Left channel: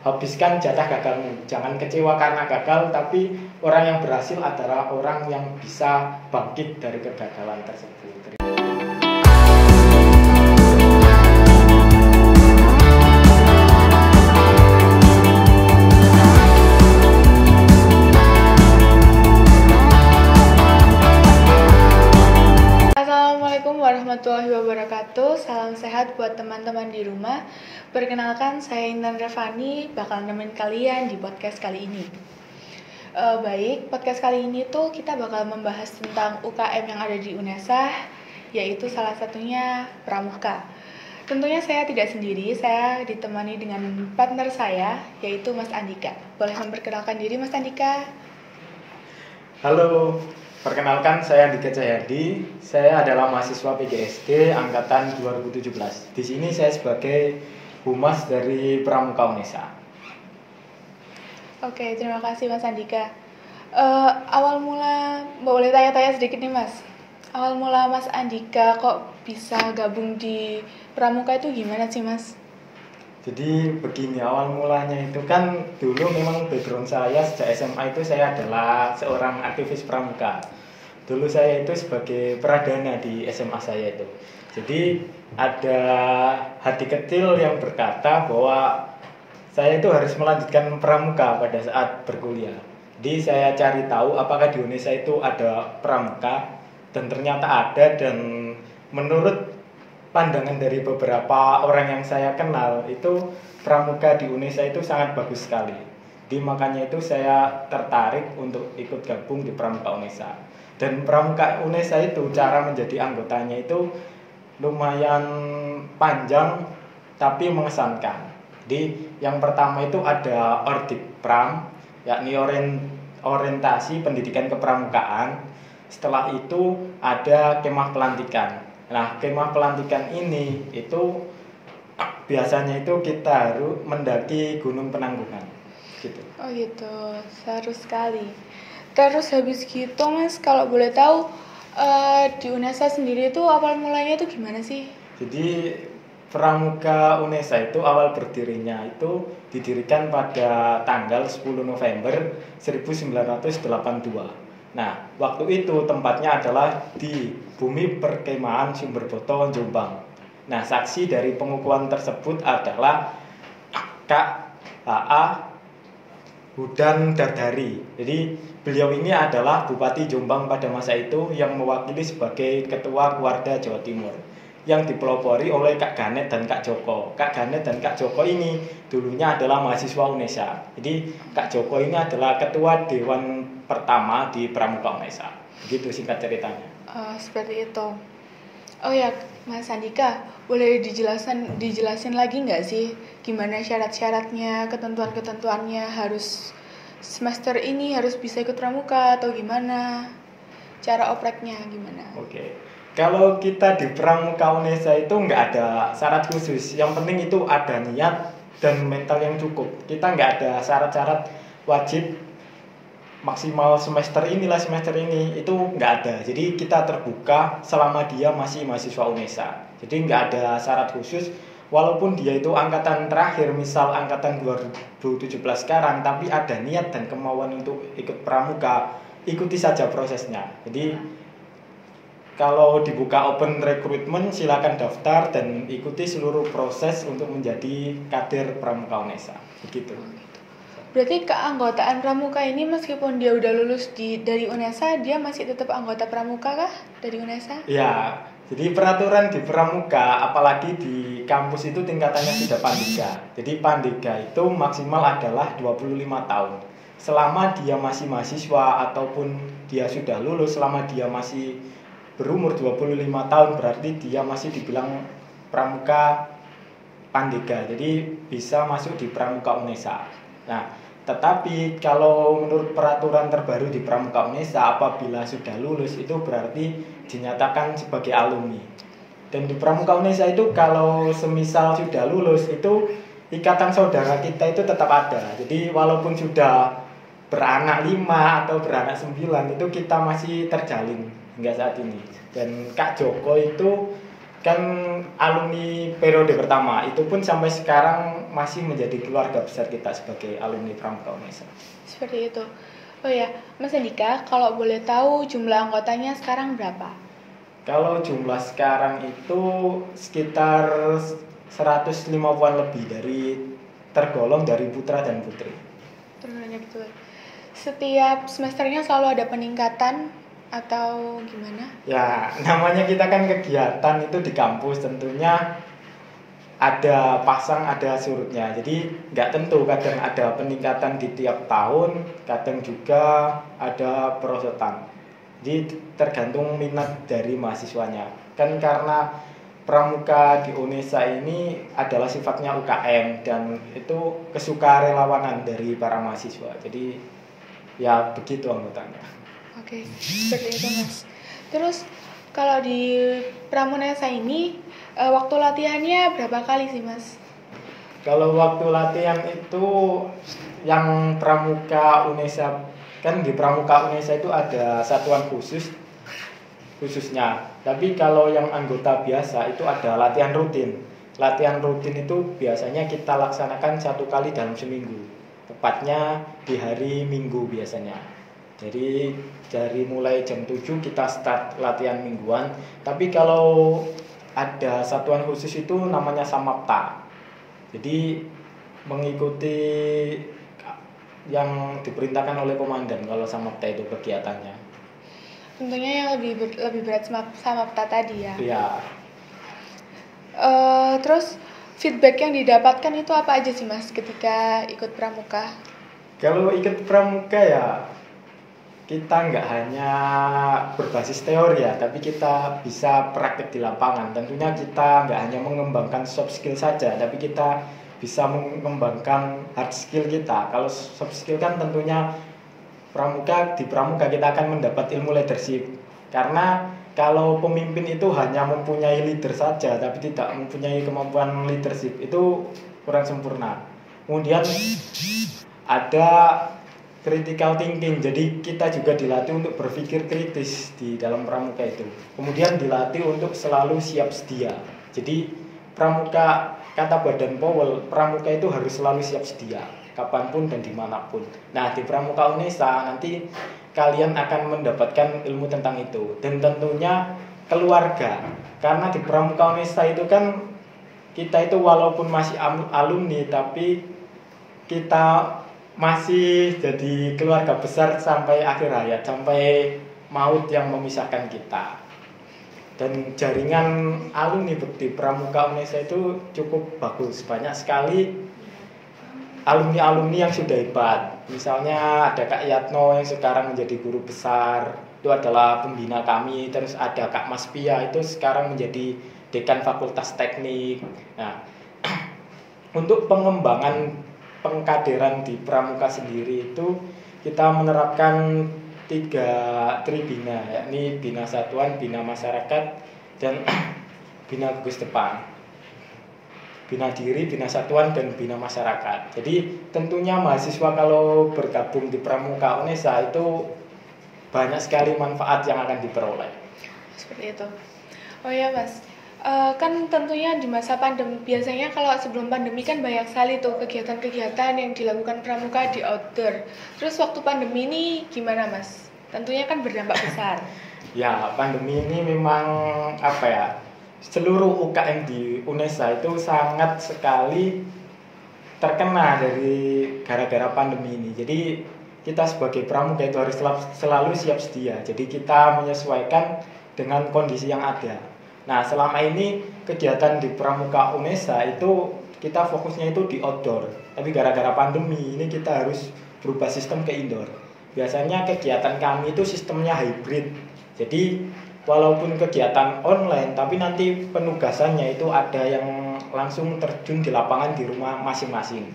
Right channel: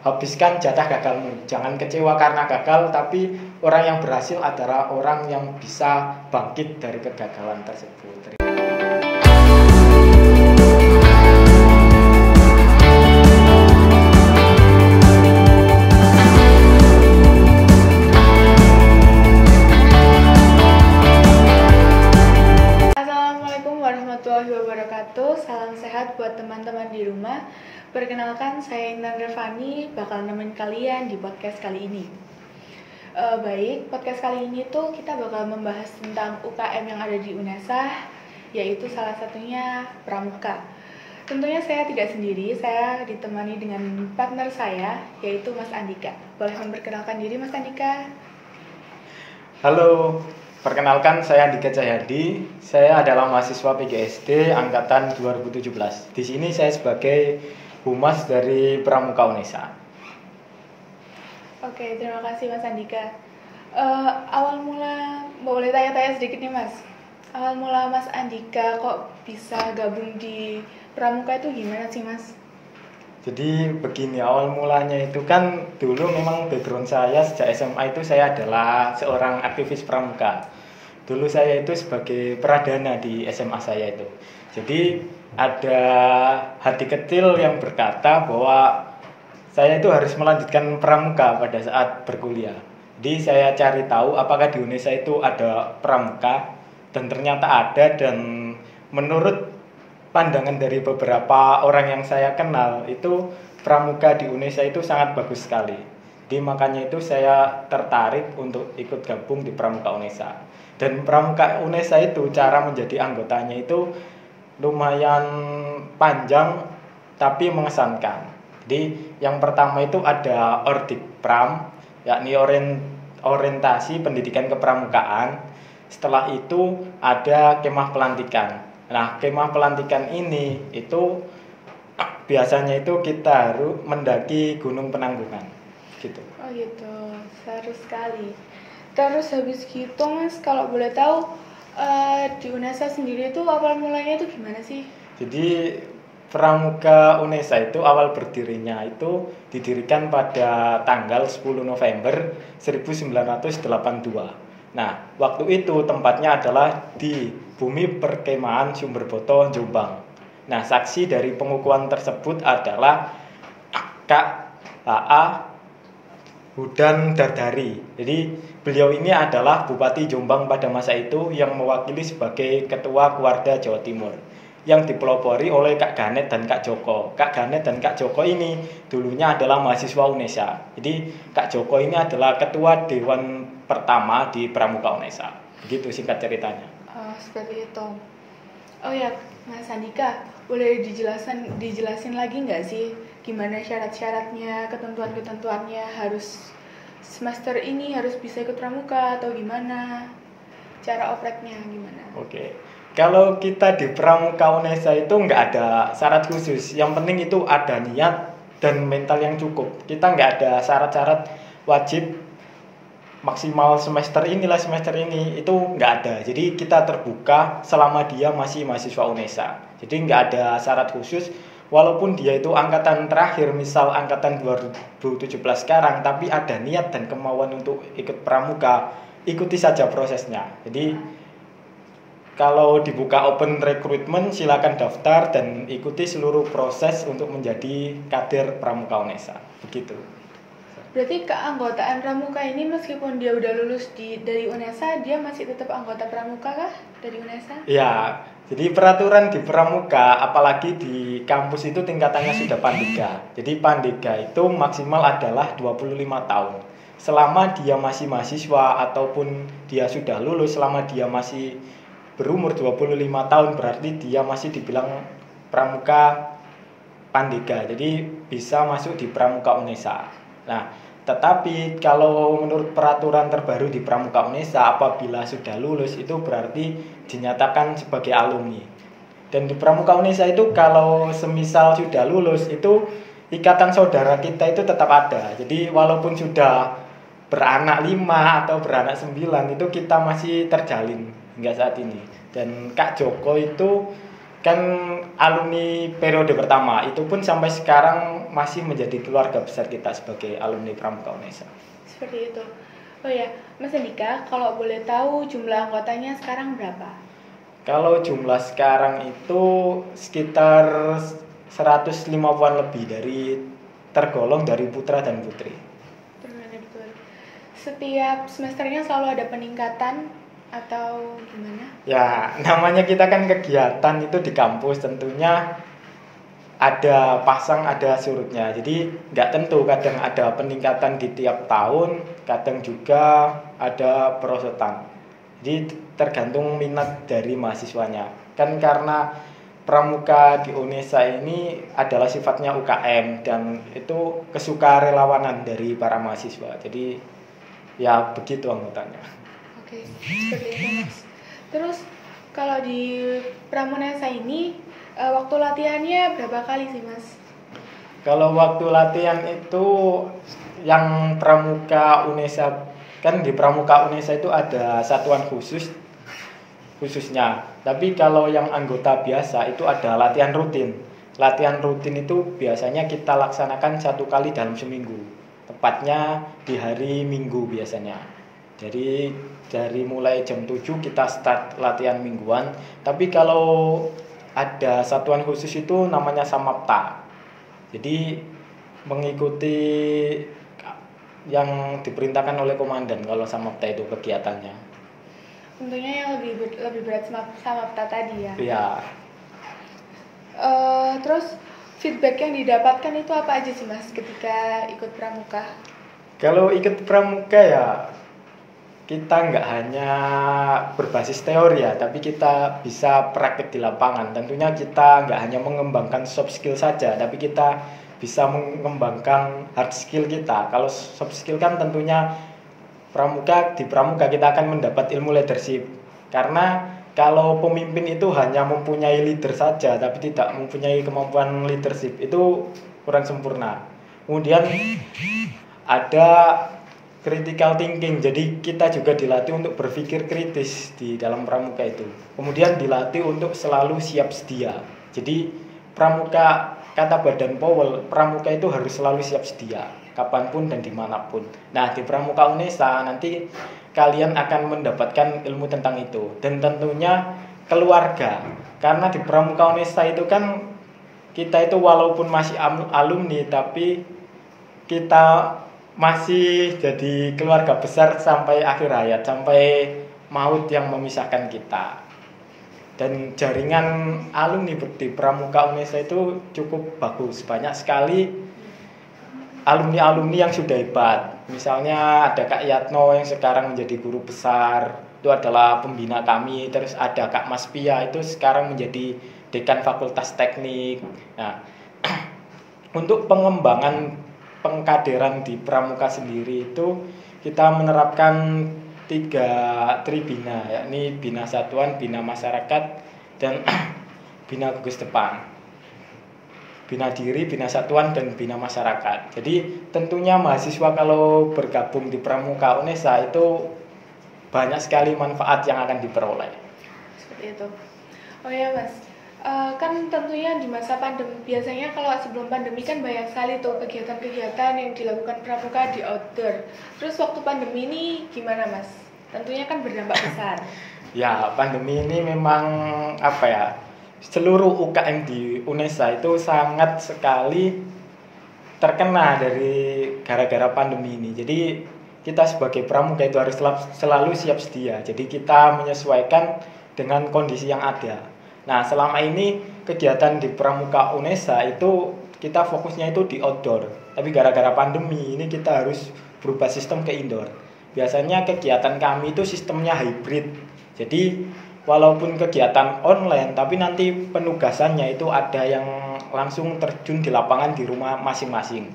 Habiskan jatah gagalmu. Jangan kecewa karena gagal, tapi orang yang berhasil adalah orang yang bisa bangkit dari kegagalan tersebut. Assalamualaikum warahmatullahi wabarakatuh. Salam sehat buat teman-teman di rumah. Perkenalkan, saya Intan Revani, bakal nemenin kalian di podcast kali ini. Podcast kali ini tuh kita bakal membahas tentang UKM yang ada di UNESA, yaitu salah satunya Pramuka. Tentunya saya tidak sendiri, saya ditemani dengan partner saya, yaitu Mas Andika. Boleh memperkenalkan diri, Mas Andika? Halo, perkenalkan saya Andika Cahyadi. Saya adalah mahasiswa PGSD angkatan 2017. Di sini saya sebagai humas dari Pramuka UNESA. Oke, terima kasih Mas Andika. Awal mula, boleh tanya-tanya sedikit nih Mas. Awal mula Mas Andika kok bisa gabung di Pramuka itu gimana sih Mas? Jadi begini, awal mulanya itu kan dulu memang background saya sejak SMA itu saya adalah seorang aktivis pramuka. Dulu saya itu sebagai pradana di SMA saya itu. Jadi ada hati kecil yang berkata bahwa saya itu harus melanjutkan pramuka pada saat berkuliah. Jadi saya cari tahu apakah di Indonesia itu ada pramuka, dan ternyata ada. Dan menurut pandangan dari beberapa orang yang saya kenal, itu pramuka di Indonesia itu sangat bagus sekali. Jadi makanya itu saya tertarik untuk ikut gabung di Pramuka UNESA. Dan Pramuka UNESA itu cara menjadi anggotanya itu lumayan panjang tapi mengesankan. Jadi yang pertama itu ada Ordikpram, yakni orientasi pendidikan kepramukaan. Setelah itu ada kemah pelantikan. Nah, kemah pelantikan ini itu biasanya itu kita harus mendaki Gunung Penanggungan gitu. Oh gitu, seru sekali. Terus habis gitu Mas, kalau boleh tahu di UNESA sendiri itu awal mulanya itu gimana sih? Jadi Pramuka UNESA itu awal berdirinya itu didirikan pada tanggal 10 November 1982. Nah, waktu itu tempatnya adalah di Bumi Perkemahan Sumberboto, Jombang. Nah, saksi dari pengukuhan tersebut adalah Kak H.A. Hudan Dardari. Jadi beliau ini adalah Bupati Jombang pada masa itu yang mewakili sebagai Ketua Keluarga Jawa Timur, yang dipelopori oleh Kak Ganet dan Kak Joko. Kak Ganet dan Kak Joko ini dulunya adalah mahasiswa UNESA. Jadi Kak Joko ini adalah Ketua Dewan pertama di Pramuka UNESA. Begitu singkat ceritanya. Seperti itu. Oh ya, Mas Andika, boleh dijelasin lagi nggak sih gimana syarat-syaratnya, ketentuan-ketentuannya, harus semester ini harus bisa ikut pramuka atau gimana? Cara opreknya gimana? Oke. Kalau kita di Pramuka UNESA itu nggak ada syarat khusus. Yang penting itu ada niat dan mental yang cukup. Kita nggak ada syarat-syarat wajib maksimal semester ini, itu nggak ada. Jadi kita terbuka selama dia masih mahasiswa UNESA. Jadi nggak ada syarat khusus. Walaupun dia itu angkatan terakhir, misal angkatan 2017 sekarang, tapi ada niat dan kemauan untuk ikut pramuka, ikuti saja prosesnya. Jadi kalau dibuka open recruitment, silakan daftar dan ikuti seluruh proses untuk menjadi kader Pramuka UNESA. Begitu. Berarti keanggotaan pramuka ini meskipun dia udah lulus dari UNESA, dia masih tetap anggota pramuka kah dari UNESA? Ya, jadi peraturan di pramuka, apalagi di kampus itu tingkatannya sudah Pandega. Jadi Pandega itu maksimal adalah 25 tahun. Selama dia masih mahasiswa ataupun dia sudah lulus, selama dia masih berumur 25 tahun, berarti dia masih dibilang pramuka Pandega. Jadi bisa masuk di Pramuka UNESA. Nah, tetapi kalau menurut peraturan terbaru di Pramuka UNESA, apabila sudah lulus itu berarti dinyatakan sebagai alumni. Dan di Pramuka UNESA itu kalau semisal sudah lulus itu ikatan saudara kita itu tetap ada. Jadi walaupun sudah beranak 5 atau beranak 9 itu kita masih terjalin hingga saat ini. Dan Kak Joko itu kan alumni periode pertama, itu pun sampai sekarang masih menjadi keluarga besar kita sebagai alumni Pramuka UNESA. Seperti itu. Oh ya, Mas Andika, kalau boleh tahu jumlah anggotanya sekarang berapa? Kalau jumlah sekarang itu sekitar 150-an lebih tergolong dari putra dan putri. Setiap semesternya selalu ada peningkatan atau gimana? Ya, namanya kita kan kegiatan itu di kampus, tentunya ada pasang ada surutnya, jadi nggak tentu, kadang ada peningkatan di tiap tahun, kadang juga ada perosotan, jadi tergantung minat dari mahasiswanya kan, karena pramuka di UNESA ini adalah sifatnya UKM dan itu kesukarelawanan dari para mahasiswa, jadi ya begitu anggotanya. Oke, seperti itu Mas. Terus kalau di Pramunesa ini waktu latihannya berapa kali sih Mas? Kalau waktu latihan itu yang Pramuka UNESA, kan di Pramuka UNESA itu ada satuan khususnya. Tapi kalau yang anggota biasa itu ada latihan rutin. Latihan rutin itu biasanya kita laksanakan 1 kali dalam seminggu. Tepatnya di hari Minggu biasanya. Jadi dari mulai jam 7 kita start latihan mingguan. Tapi kalau ada satuan khusus itu namanya Samapta. Jadi mengikuti yang diperintahkan oleh komandan kalau Samapta itu kegiatannya. Tentunya yang lebih berat Samapta tadi ya. Iya. Terus feedback yang didapatkan itu apa aja sih Mas ketika ikut pramuka? Kalau ikut pramuka ya kita nggak hanya berbasis teori ya, tapi kita bisa praktek di lapangan. Tentunya kita nggak hanya mengembangkan soft skill saja, tapi kita bisa mengembangkan hard skill kita. Kalau soft skill kan tentunya di pramuka kita akan mendapat ilmu leadership. Karena kalau pemimpin itu hanya mempunyai leader saja, tapi tidak mempunyai kemampuan leadership, itu kurang sempurna. Kemudian ada critical thinking, jadi kita juga dilatih untuk berpikir kritis di dalam pramuka itu. Kemudian dilatih untuk selalu siap sedia. Jadi pramuka, kata Badan Powell, pramuka itu harus selalu siap sedia, kapanpun dan dimanapun. Nah di Pramuka UNESA nanti kalian akan mendapatkan ilmu tentang itu. Dan tentunya keluarga, karena di Pramuka UNESA itu kan kita itu walaupun masih alumni, tapi kita masih jadi keluarga besar sampai akhir hayat, sampai maut yang memisahkan kita. Dan jaringan alumni di Pramuka UNESA itu cukup bagus, banyak sekali alumni-alumni yang sudah hebat. Misalnya ada Kak Yatno yang sekarang menjadi guru besar, itu adalah pembina kami. Terus ada Kak Mas Pia, itu sekarang menjadi dekan Fakultas Teknik. Nah, untuk pengembangan pengkaderan di pramuka sendiri itu kita menerapkan 3 tribina, yakni bina satuan, bina masyarakat, dan bina gugus depan. Bina diri, bina satuan, dan bina masyarakat. Jadi tentunya mahasiswa kalau bergabung di Pramuka UNESA itu banyak sekali manfaat yang akan diperoleh. Seperti itu. Oh ya Mas, kan tentunya di masa pandemi, biasanya kalau sebelum pandemi kan banyak sekali tuh kegiatan-kegiatan yang dilakukan pramuka di outdoor. Terus waktu pandemi ini gimana Mas? Tentunya kan berdampak besar. Ya, pandemi ini memang seluruh UKM di UNESA itu sangat sekali terkena dari gara-gara pandemi ini. Jadi kita sebagai pramuka itu harus selalu siap sedia. Jadi kita menyesuaikan dengan kondisi yang ada. Nah, selama ini kegiatan di Pramuka UNESA itu kita fokusnya itu di outdoor. Tapi gara-gara pandemi ini kita harus berubah sistem ke indoor. Biasanya kegiatan kami itu sistemnya hybrid. Jadi walaupun kegiatan online, tapi nanti penugasannya itu ada yang langsung terjun di lapangan di rumah masing-masing.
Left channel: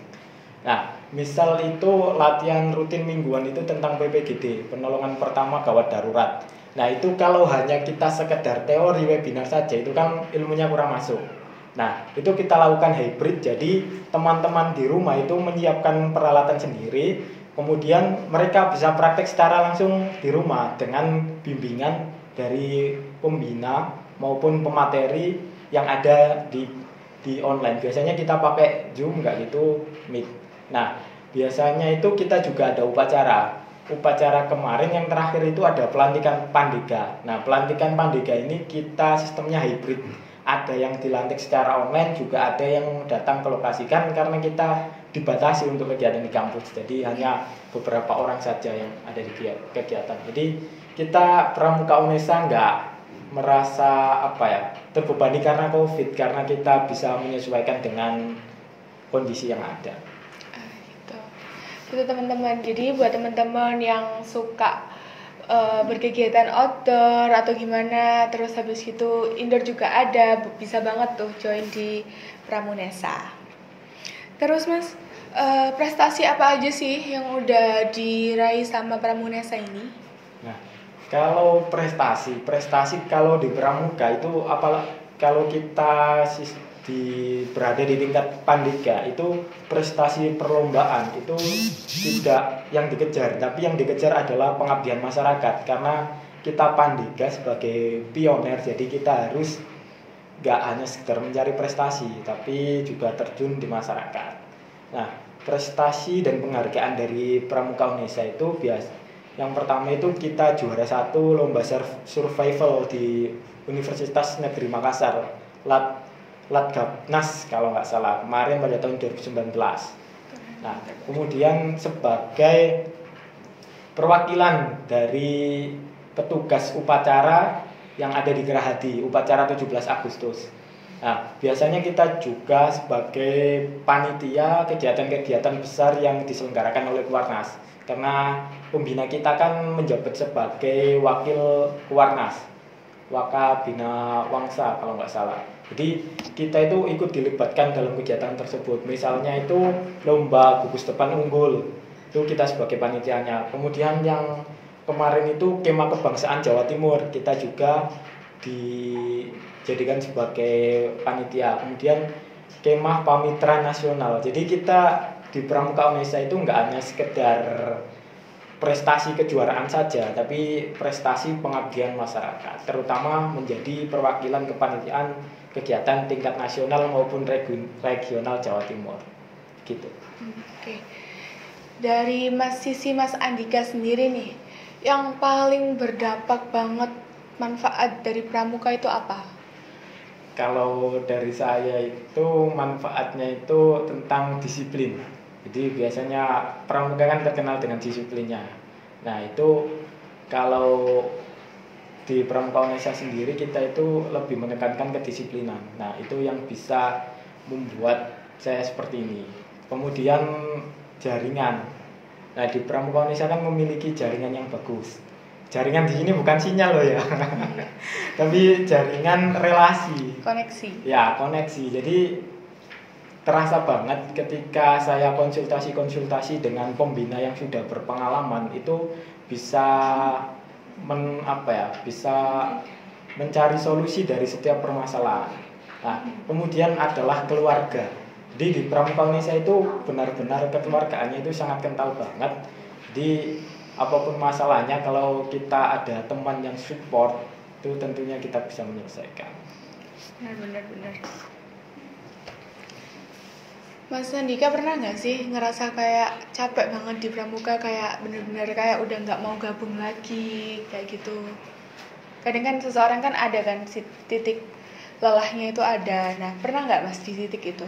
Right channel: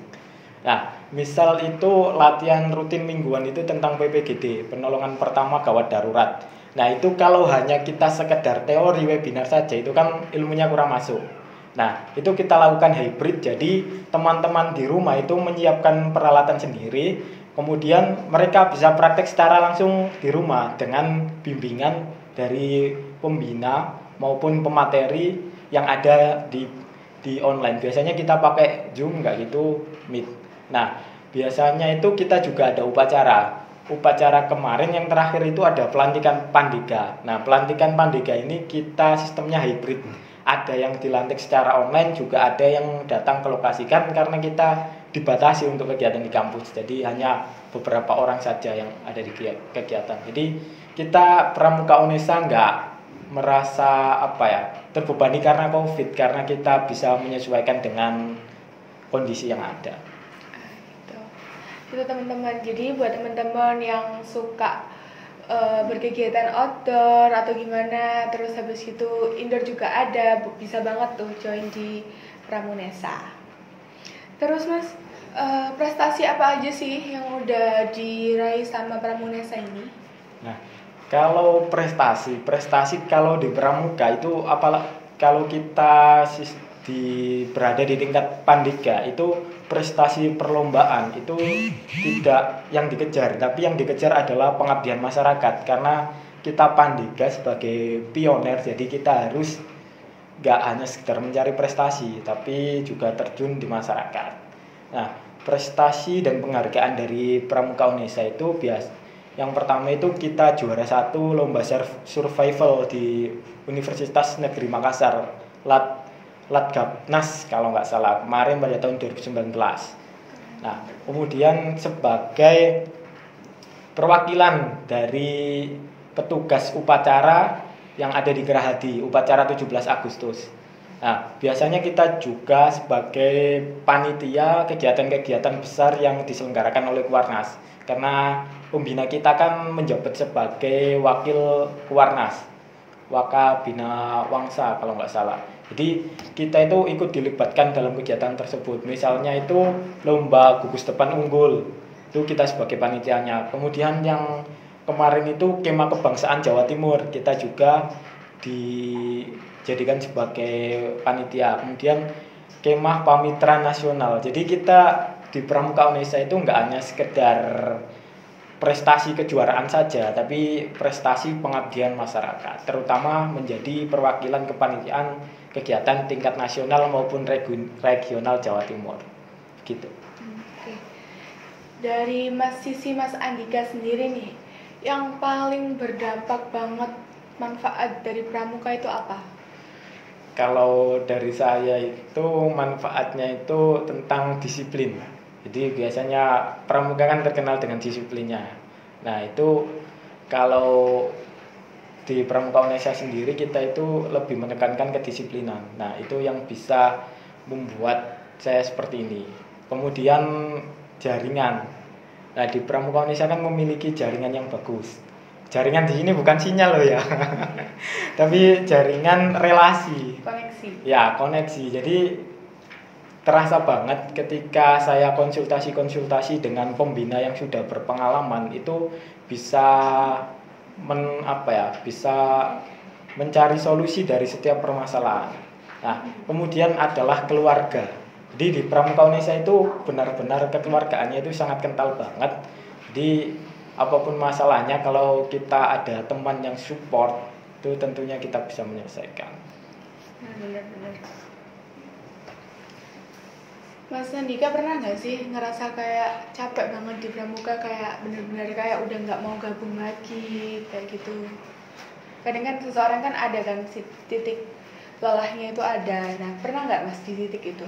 Nah, misal itu latihan rutin mingguan itu tentang PPGD, penolongan pertama gawat darurat. Nah itu kalau hanya kita sekedar teori webinar saja itu kan ilmunya kurang masuk. Nah itu kita lakukan hybrid, jadi teman-teman di rumah itu menyiapkan peralatan sendiri, kemudian mereka bisa praktek secara langsung di rumah dengan bimbingan dari pembina maupun pemateri yang ada di di online. Biasanya kita pakai Zoom, nggak gitu Meet. Nah, biasanya itu kita juga ada upacara kemarin yang terakhir itu ada pelantikan Pandega. Nah, pelantikan Pandega ini kita sistemnya hybrid. Ada yang dilantik secara online, juga ada yang datang ke lokasi kan karena kita dibatasi untuk kegiatan di kampus. Jadi hanya beberapa orang saja yang ada di kegiatan. Jadi kita Pramuka Unesa nggak merasa terbebani karena COVID, karena kita bisa menyesuaikan dengan kondisi yang ada. Gitu teman-teman. Jadi buat teman-teman yang suka berkegiatan outdoor atau gimana, terus habis itu indoor juga ada, bisa banget tuh join di Pramunesa. Terus Mas, prestasi apa aja sih yang udah diraih sama Pramunesa ini? Nah, kalau prestasi kalau di Pramuka itu kalau kita berada di tingkat Pandega itu prestasi perlombaan itu tidak yang dikejar, tapi yang dikejar adalah pengabdian masyarakat karena kita Pandega sebagai pioner, jadi kita harus gak hanya sekedar mencari prestasi tapi juga terjun di masyarakat. Nah, prestasi dan penghargaan dari Pramuka Unesa itu yang pertama itu kita juara 1 lomba survival di Universitas Negeri Makassar, Latgabnas kalau nggak salah, kemarin pada tahun 2019. Nah, kemudian sebagai perwakilan dari petugas upacara yang ada di Gerahadi, upacara 17 Agustus. Nah, biasanya kita juga sebagai panitia kegiatan-kegiatan besar yang diselenggarakan oleh Kuarnas. Karena pembina kita kan menjabat sebagai wakil Kuarnas, Wakabina Wangsa kalau nggak salah. Jadi kita itu ikut dilibatkan dalam kegiatan tersebut. Misalnya itu lomba gugus depan unggul, itu kita sebagai panitianya. Kemudian yang kemarin itu kemah kebangsaan Jawa Timur, kita juga dijadikan sebagai panitia. Kemudian kemah pamitra nasional. Jadi kita di Pramuka Unesa itu nggak hanya sekedar prestasi kejuaraan saja, tapi prestasi pengabdian masyarakat, terutama menjadi perwakilan kepanitiaan kegiatan tingkat nasional maupun regional Jawa Timur, gitu. Oke. Dari sisi Mas Andika sendiri nih, yang paling berdampak banget manfaat dari Pramuka itu apa? Kalau dari saya itu manfaatnya itu tentang disiplin. Jadi biasanya Pramuka kan terkenal dengan disiplinnya. Nah, itu kalau di Pramuka Unesa sendiri kita itu lebih menekankan kedisiplinan. Nah, itu yang bisa membuat saya seperti ini. Kemudian jaringan. Nah, di Pramuka Unesa kan memiliki jaringan yang bagus. Jaringan di sini bukan sinyal loh ya. Tapi jaringan relasi. Koneksi. Ya, koneksi. Jadi terasa banget ketika saya konsultasi dengan pembina yang sudah berpengalaman, itu bisa bisa mencari solusi dari setiap permasalahan. Nah, kemudian adalah keluarga. Jadi di Pramuka Unesa itu benar-benar kekeluargaannya itu sangat kental banget. Jadi apapun masalahnya, kalau kita ada teman yang support, itu tentunya kita bisa menyelesaikan. Benar. Mas Andika pernah nggak sih ngerasa kayak capek banget di Pramuka, kayak benar-benar kayak udah nggak mau gabung lagi kayak gitu? Kadang kan seseorang kan ada kan titik lelahnya itu ada. Nah, pernah nggak Mas di titik itu?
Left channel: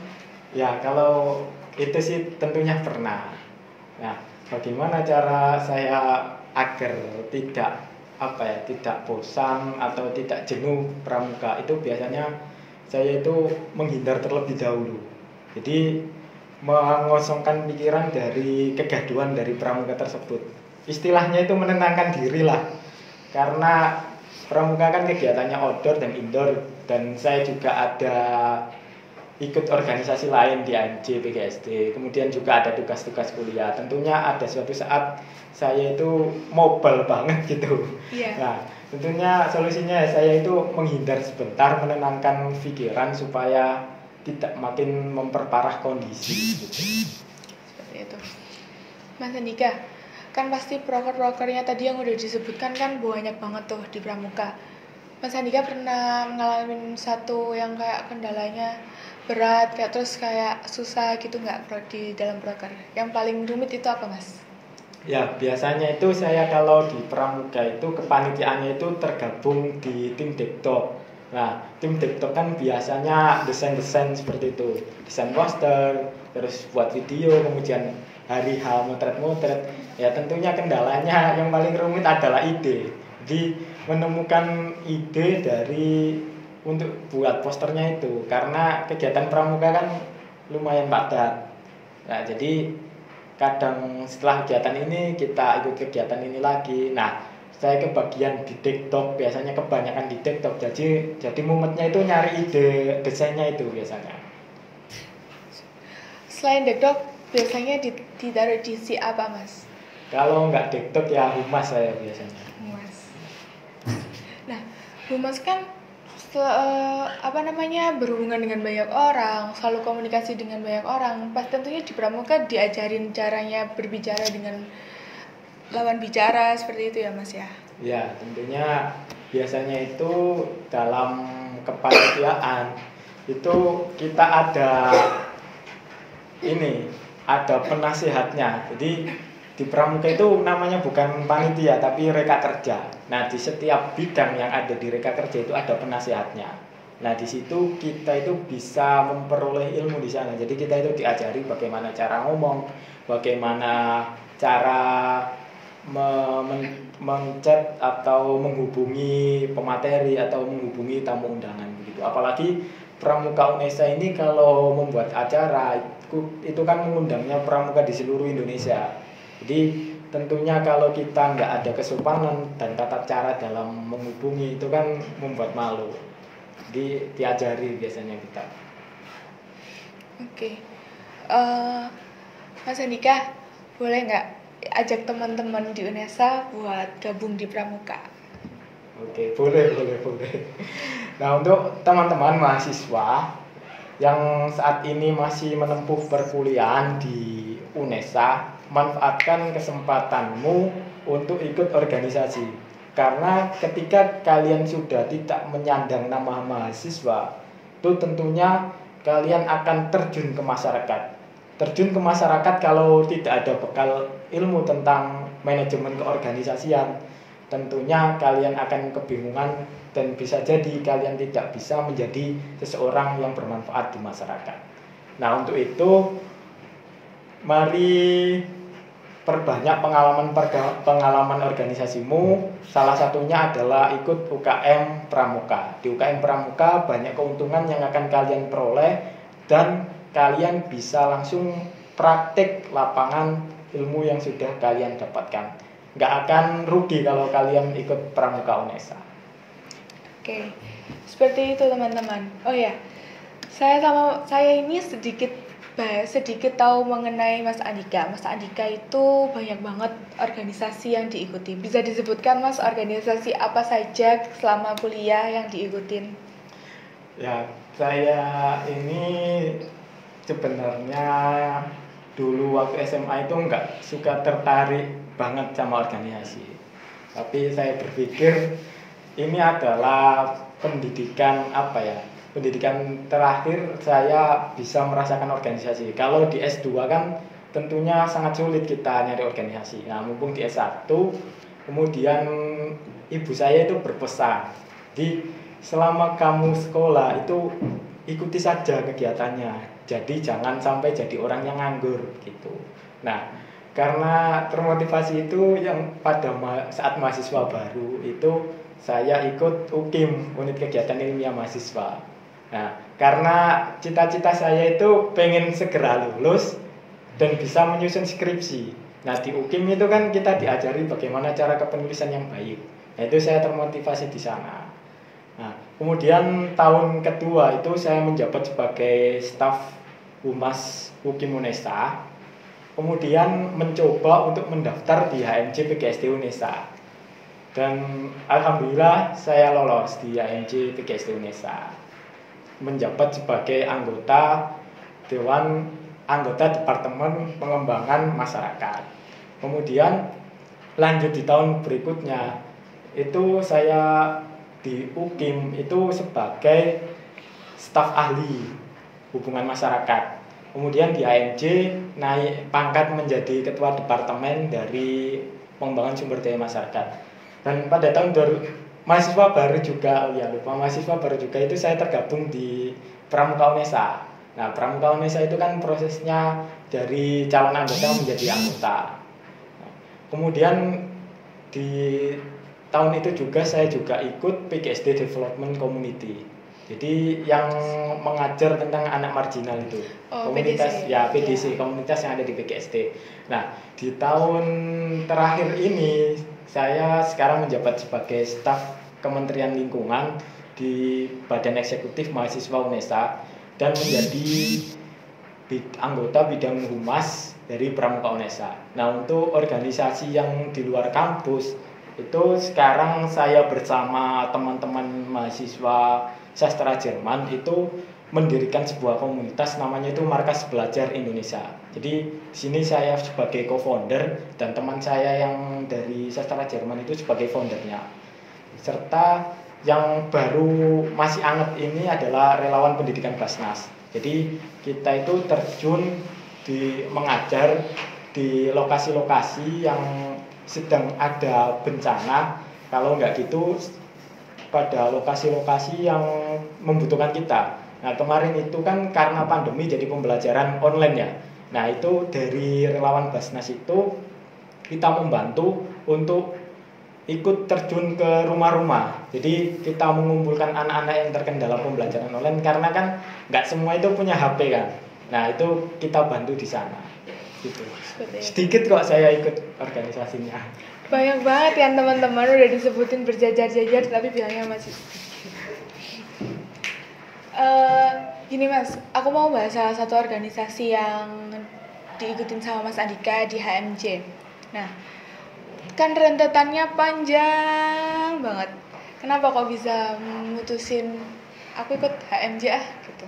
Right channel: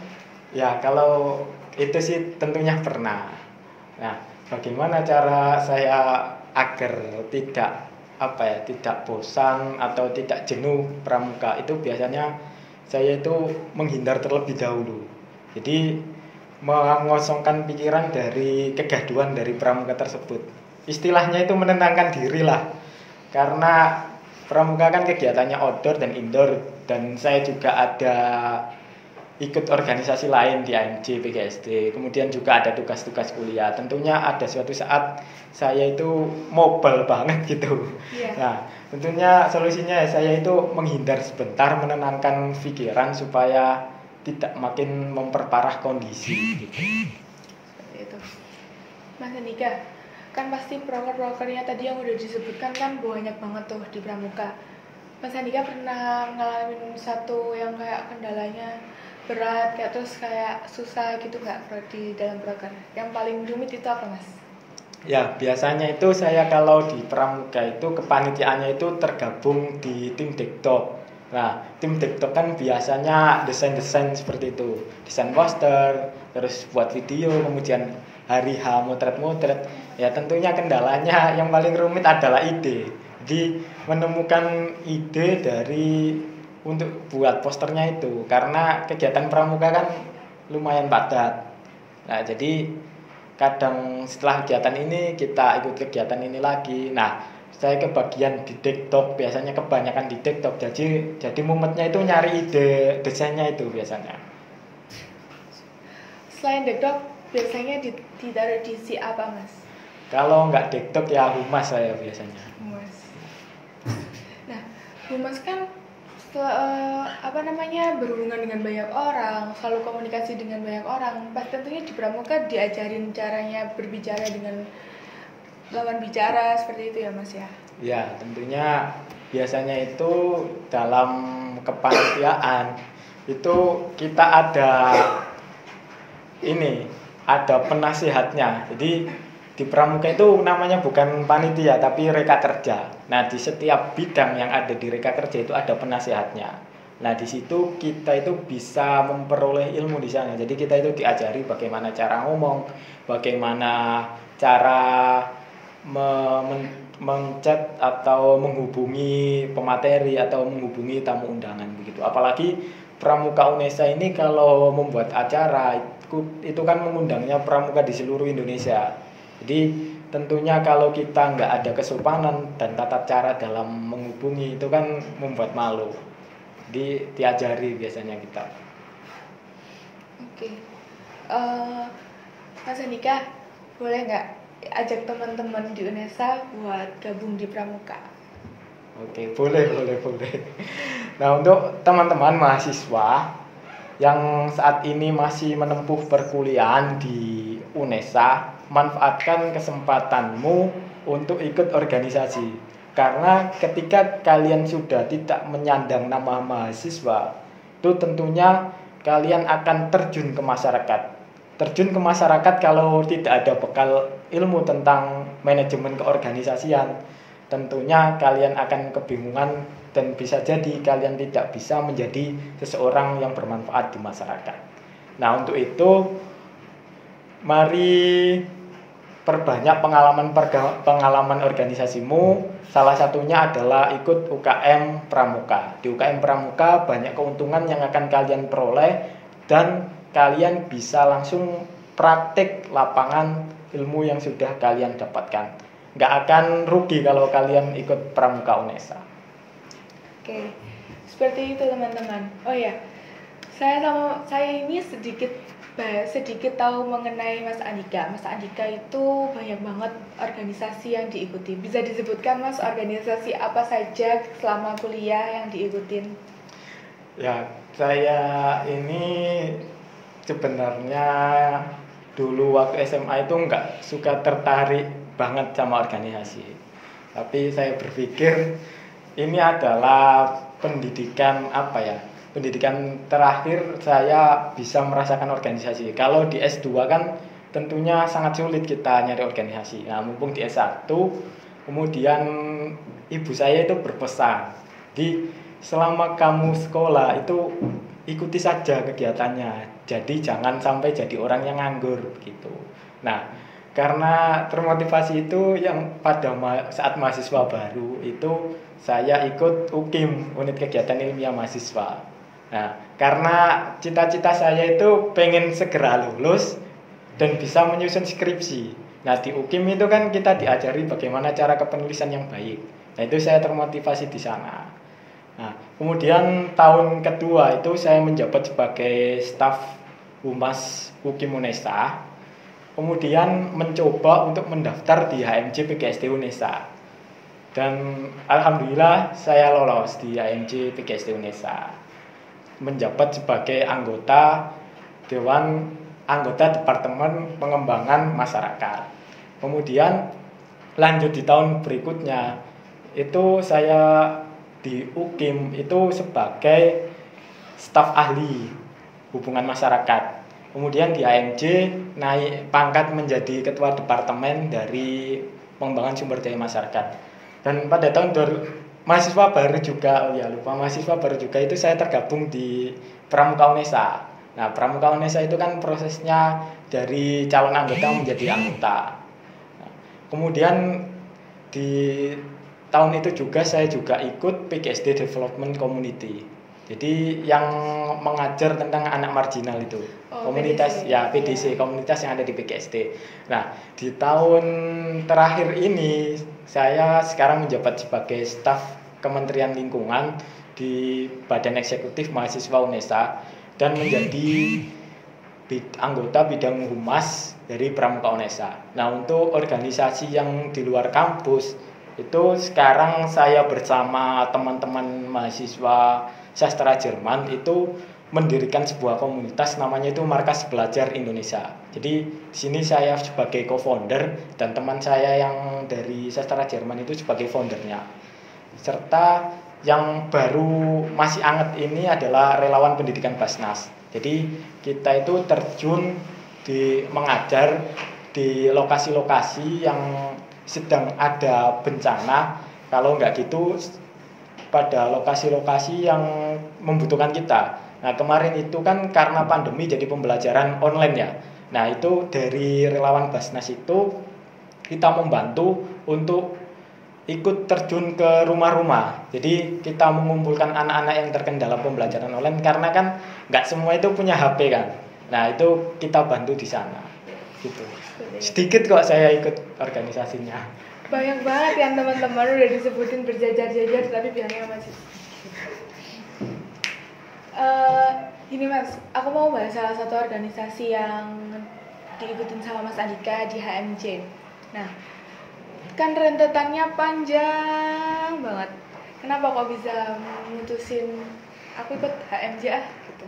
Ya, kalau itu sih tentunya pernah. Nah, bagaimana cara saya agar tidak bosan atau tidak jenuh Pramuka? Itu biasanya saya itu menghindar terlebih dahulu. Jadi mengosongkan pikiran dari kegaduhan dari Pramuka tersebut. Istilahnya itu menenangkan diri lah. Karena Pramuka kan kegiatannya outdoor dan indoor, dan saya juga ada ikut organisasi lain di AMJ PGSD. Kemudian juga ada tugas-tugas kuliah. Tentunya ada suatu saat saya itu mobile banget gitu. Yeah. Nah, tentunya solusinya saya itu menghindar sebentar, menenangkan pikiran supaya tidak makin memperparah kondisi gitu. Seperti itu. Mas Andika, kan pasti proker-prokernya tadi yang udah disebutkan kan banyak banget tuh di Pramuka. Mas Andika pernah ngalamin satu yang kayak kendalanya berat kayak terus kayak susah gitu nggak di dalam proker? Yang paling rumit itu apa Mas? Ya, biasanya itu saya kalau di Pramuka itu kepanitiaannya itu tergabung di tim Dektok. Nah, tim Dektok kan biasanya desain-desain seperti itu, desain poster, terus buat video, kemudian hari H motret-motret. Ya tentunya kendalanya yang paling rumit adalah ide. Jadi menemukan ide dari untuk buat posternya itu, karena kegiatan Pramuka kan lumayan padat. Nah, jadi kadang setelah kegiatan ini kita ikut kegiatan ini lagi. Nah, saya kebagian di TikTok, biasanya kebanyakan di TikTok. Jadi mumetnya itu nyari ide desainnya itu biasanya. Selain dekdok, biasanya ditaruh di si apa Mas? Kalau nggak TikTok ya humas saya biasanya. Humas. Nah, humas kan berhubungan dengan banyak orang, selalu komunikasi dengan banyak orang. Pas tentunya di Pramuka diajarin caranya berbicara dengan lawan bicara seperti itu ya Mas ya? Ya, tentunya biasanya itu dalam kepanitiaan itu kita ada penasihatnya. Jadi di Pramuka itu namanya bukan panitia tapi reka kerja. Nah, di setiap bidang yang ada di reka kerja itu ada penasihatnya. Nah, di situ kita itu bisa memperoleh ilmu di sana. Jadi kita itu diajari bagaimana cara ngomong, bagaimana cara menchat atau menghubungi pemateri atau menghubungi tamu undangan begitu. Apalagi Pramuka UNESA ini kalau membuat acara itu kan mengundangnya pramuka di seluruh Indonesia. Jadi tentunya kalau kita nggak ada kesopanan dan tata cara dalam menghubungi itu kan membuat malu. Jadi diajari biasanya kita. Oke. Mas Andika, boleh nggak ajak teman-teman di UNESA buat gabung di Pramuka? Oke, boleh. Nah, untuk teman-teman mahasiswa yang saat ini masih menempuh perkuliahan di UNESA, manfaatkan kesempatanmu untuk ikut organisasi. Karena ketika kalian sudah tidak menyandang nama mahasiswa, itu tentunya kalian akan terjun ke masyarakat. Terjun ke masyarakat kalau tidak ada bekal ilmu tentang manajemen keorganisasian, tentunya kalian akan kebingungan dan bisa jadi kalian tidak bisa menjadi seseorang yang bermanfaat di masyarakat. Nah, untuk itu mari perbanyak pengalaman organisasimu. Salah satunya adalah ikut UKM Pramuka. Di UKM Pramuka banyak keuntungan yang akan kalian peroleh dan kalian bisa langsung praktik lapangan ilmu yang sudah kalian dapatkan. Nggak akan rugi kalau kalian ikut Pramuka UNESA. Oke, seperti itu teman-teman. Oh ya, saya ini sedikit tahu mengenai Mas Andika. Mas Andika itu banyak banget organisasi yang diikuti. Bisa disebutkan Mas organisasi apa saja selama kuliah yang diikutin? Ya, saya ini sebenarnya dulu waktu SMA itu nggak suka tertarik banget sama organisasi. Tapi saya berpikir ini adalah pendidikan terakhir saya bisa merasakan organisasi. Kalau di S2 kan tentunya sangat sulit kita nyari organisasi. Nah, mumpung di S1 kemudian ibu saya itu berpesan, selama kamu sekolah itu ikuti saja kegiatannya. Jadi jangan sampai jadi orang yang nganggur gitu. Nah, karena termotivasi itu yang pada saat mahasiswa baru itu saya ikut UKIM, unit kegiatan ilmiah mahasiswa. Nah, karena cita-cita saya itu pengen segera lulus dan bisa menyusun skripsi. Nah, di UKIM itu kan kita diajari bagaimana cara kepenulisan yang baik. Nah, itu saya termotivasi di sana. Nah, kemudian tahun kedua itu saya menjabat sebagai staf humas UKIM UNESA. Kemudian mencoba untuk mendaftar di HMJ PGSD UNESA. Dan alhamdulillah saya lolos di HMJ PGSD UNESA. Menjabat sebagai anggota Departemen Pengembangan Masyarakat. Kemudian lanjut di tahun berikutnya itu saya di UKIM itu sebagai staf ahli hubungan masyarakat. Kemudian di HMJ naik pangkat menjadi ketua departemen dari pengembangan sumber daya masyarakat. Dan pada tahun mahasiswa baru juga, mahasiswa baru juga itu saya tergabung di Pramuka UNESA. Nah, Pramuka UNESA itu kan prosesnya dari calon anggota menjadi anggota. Kemudian di tahun itu juga saya juga ikut PGSD Development Community. Jadi yang mengajar tentang anak marginal itu, komunitas PDC. ya PDC, komunitas yang ada di PGSD. Nah, di tahun terakhir ini saya sekarang menjabat sebagai staf Kementerian Lingkungan di Badan Eksekutif Mahasiswa UNESA dan menjadi anggota bidang humas dari Pramuka UNESA. Nah, untuk organisasi yang di luar kampus itu sekarang saya bersama teman-teman mahasiswa sastra Jerman itu mendirikan sebuah komunitas namanya itu Markas Belajar Indonesia. Jadi di sini saya sebagai co-founder dan teman saya yang dari sastra Jerman itu sebagai foundernya. Serta yang baru masih hangat ini adalah relawan pendidikan Basnas. Jadi kita itu terjun di mengajar di lokasi-lokasi yang sedang ada bencana, kalau nggak gitu pada lokasi-lokasi yang membutuhkan kita. Nah, kemarin itu kan karena pandemi jadi pembelajaran online ya. Nah, itu dari relawan Basnas itu kita membantu untuk ikut terjun ke rumah-rumah. Jadi kita mengumpulkan anak-anak yang terkendala pembelajaran online karena kan nggak semua itu punya HP kan. Nah, itu kita bantu di sana. Gitu. Sedikit kok saya ikut organisasinya. Banyak banget kan teman-teman, udah disebutin berjajar-jajar tapi bilangnya masih. Gini Mas, aku mau bahas salah satu organisasi yang diikutin sama Mas Andika di HMJ. Nah, kan rentetannya panjang banget. Kenapa kok bisa memutusin aku ikut HMJ gitu?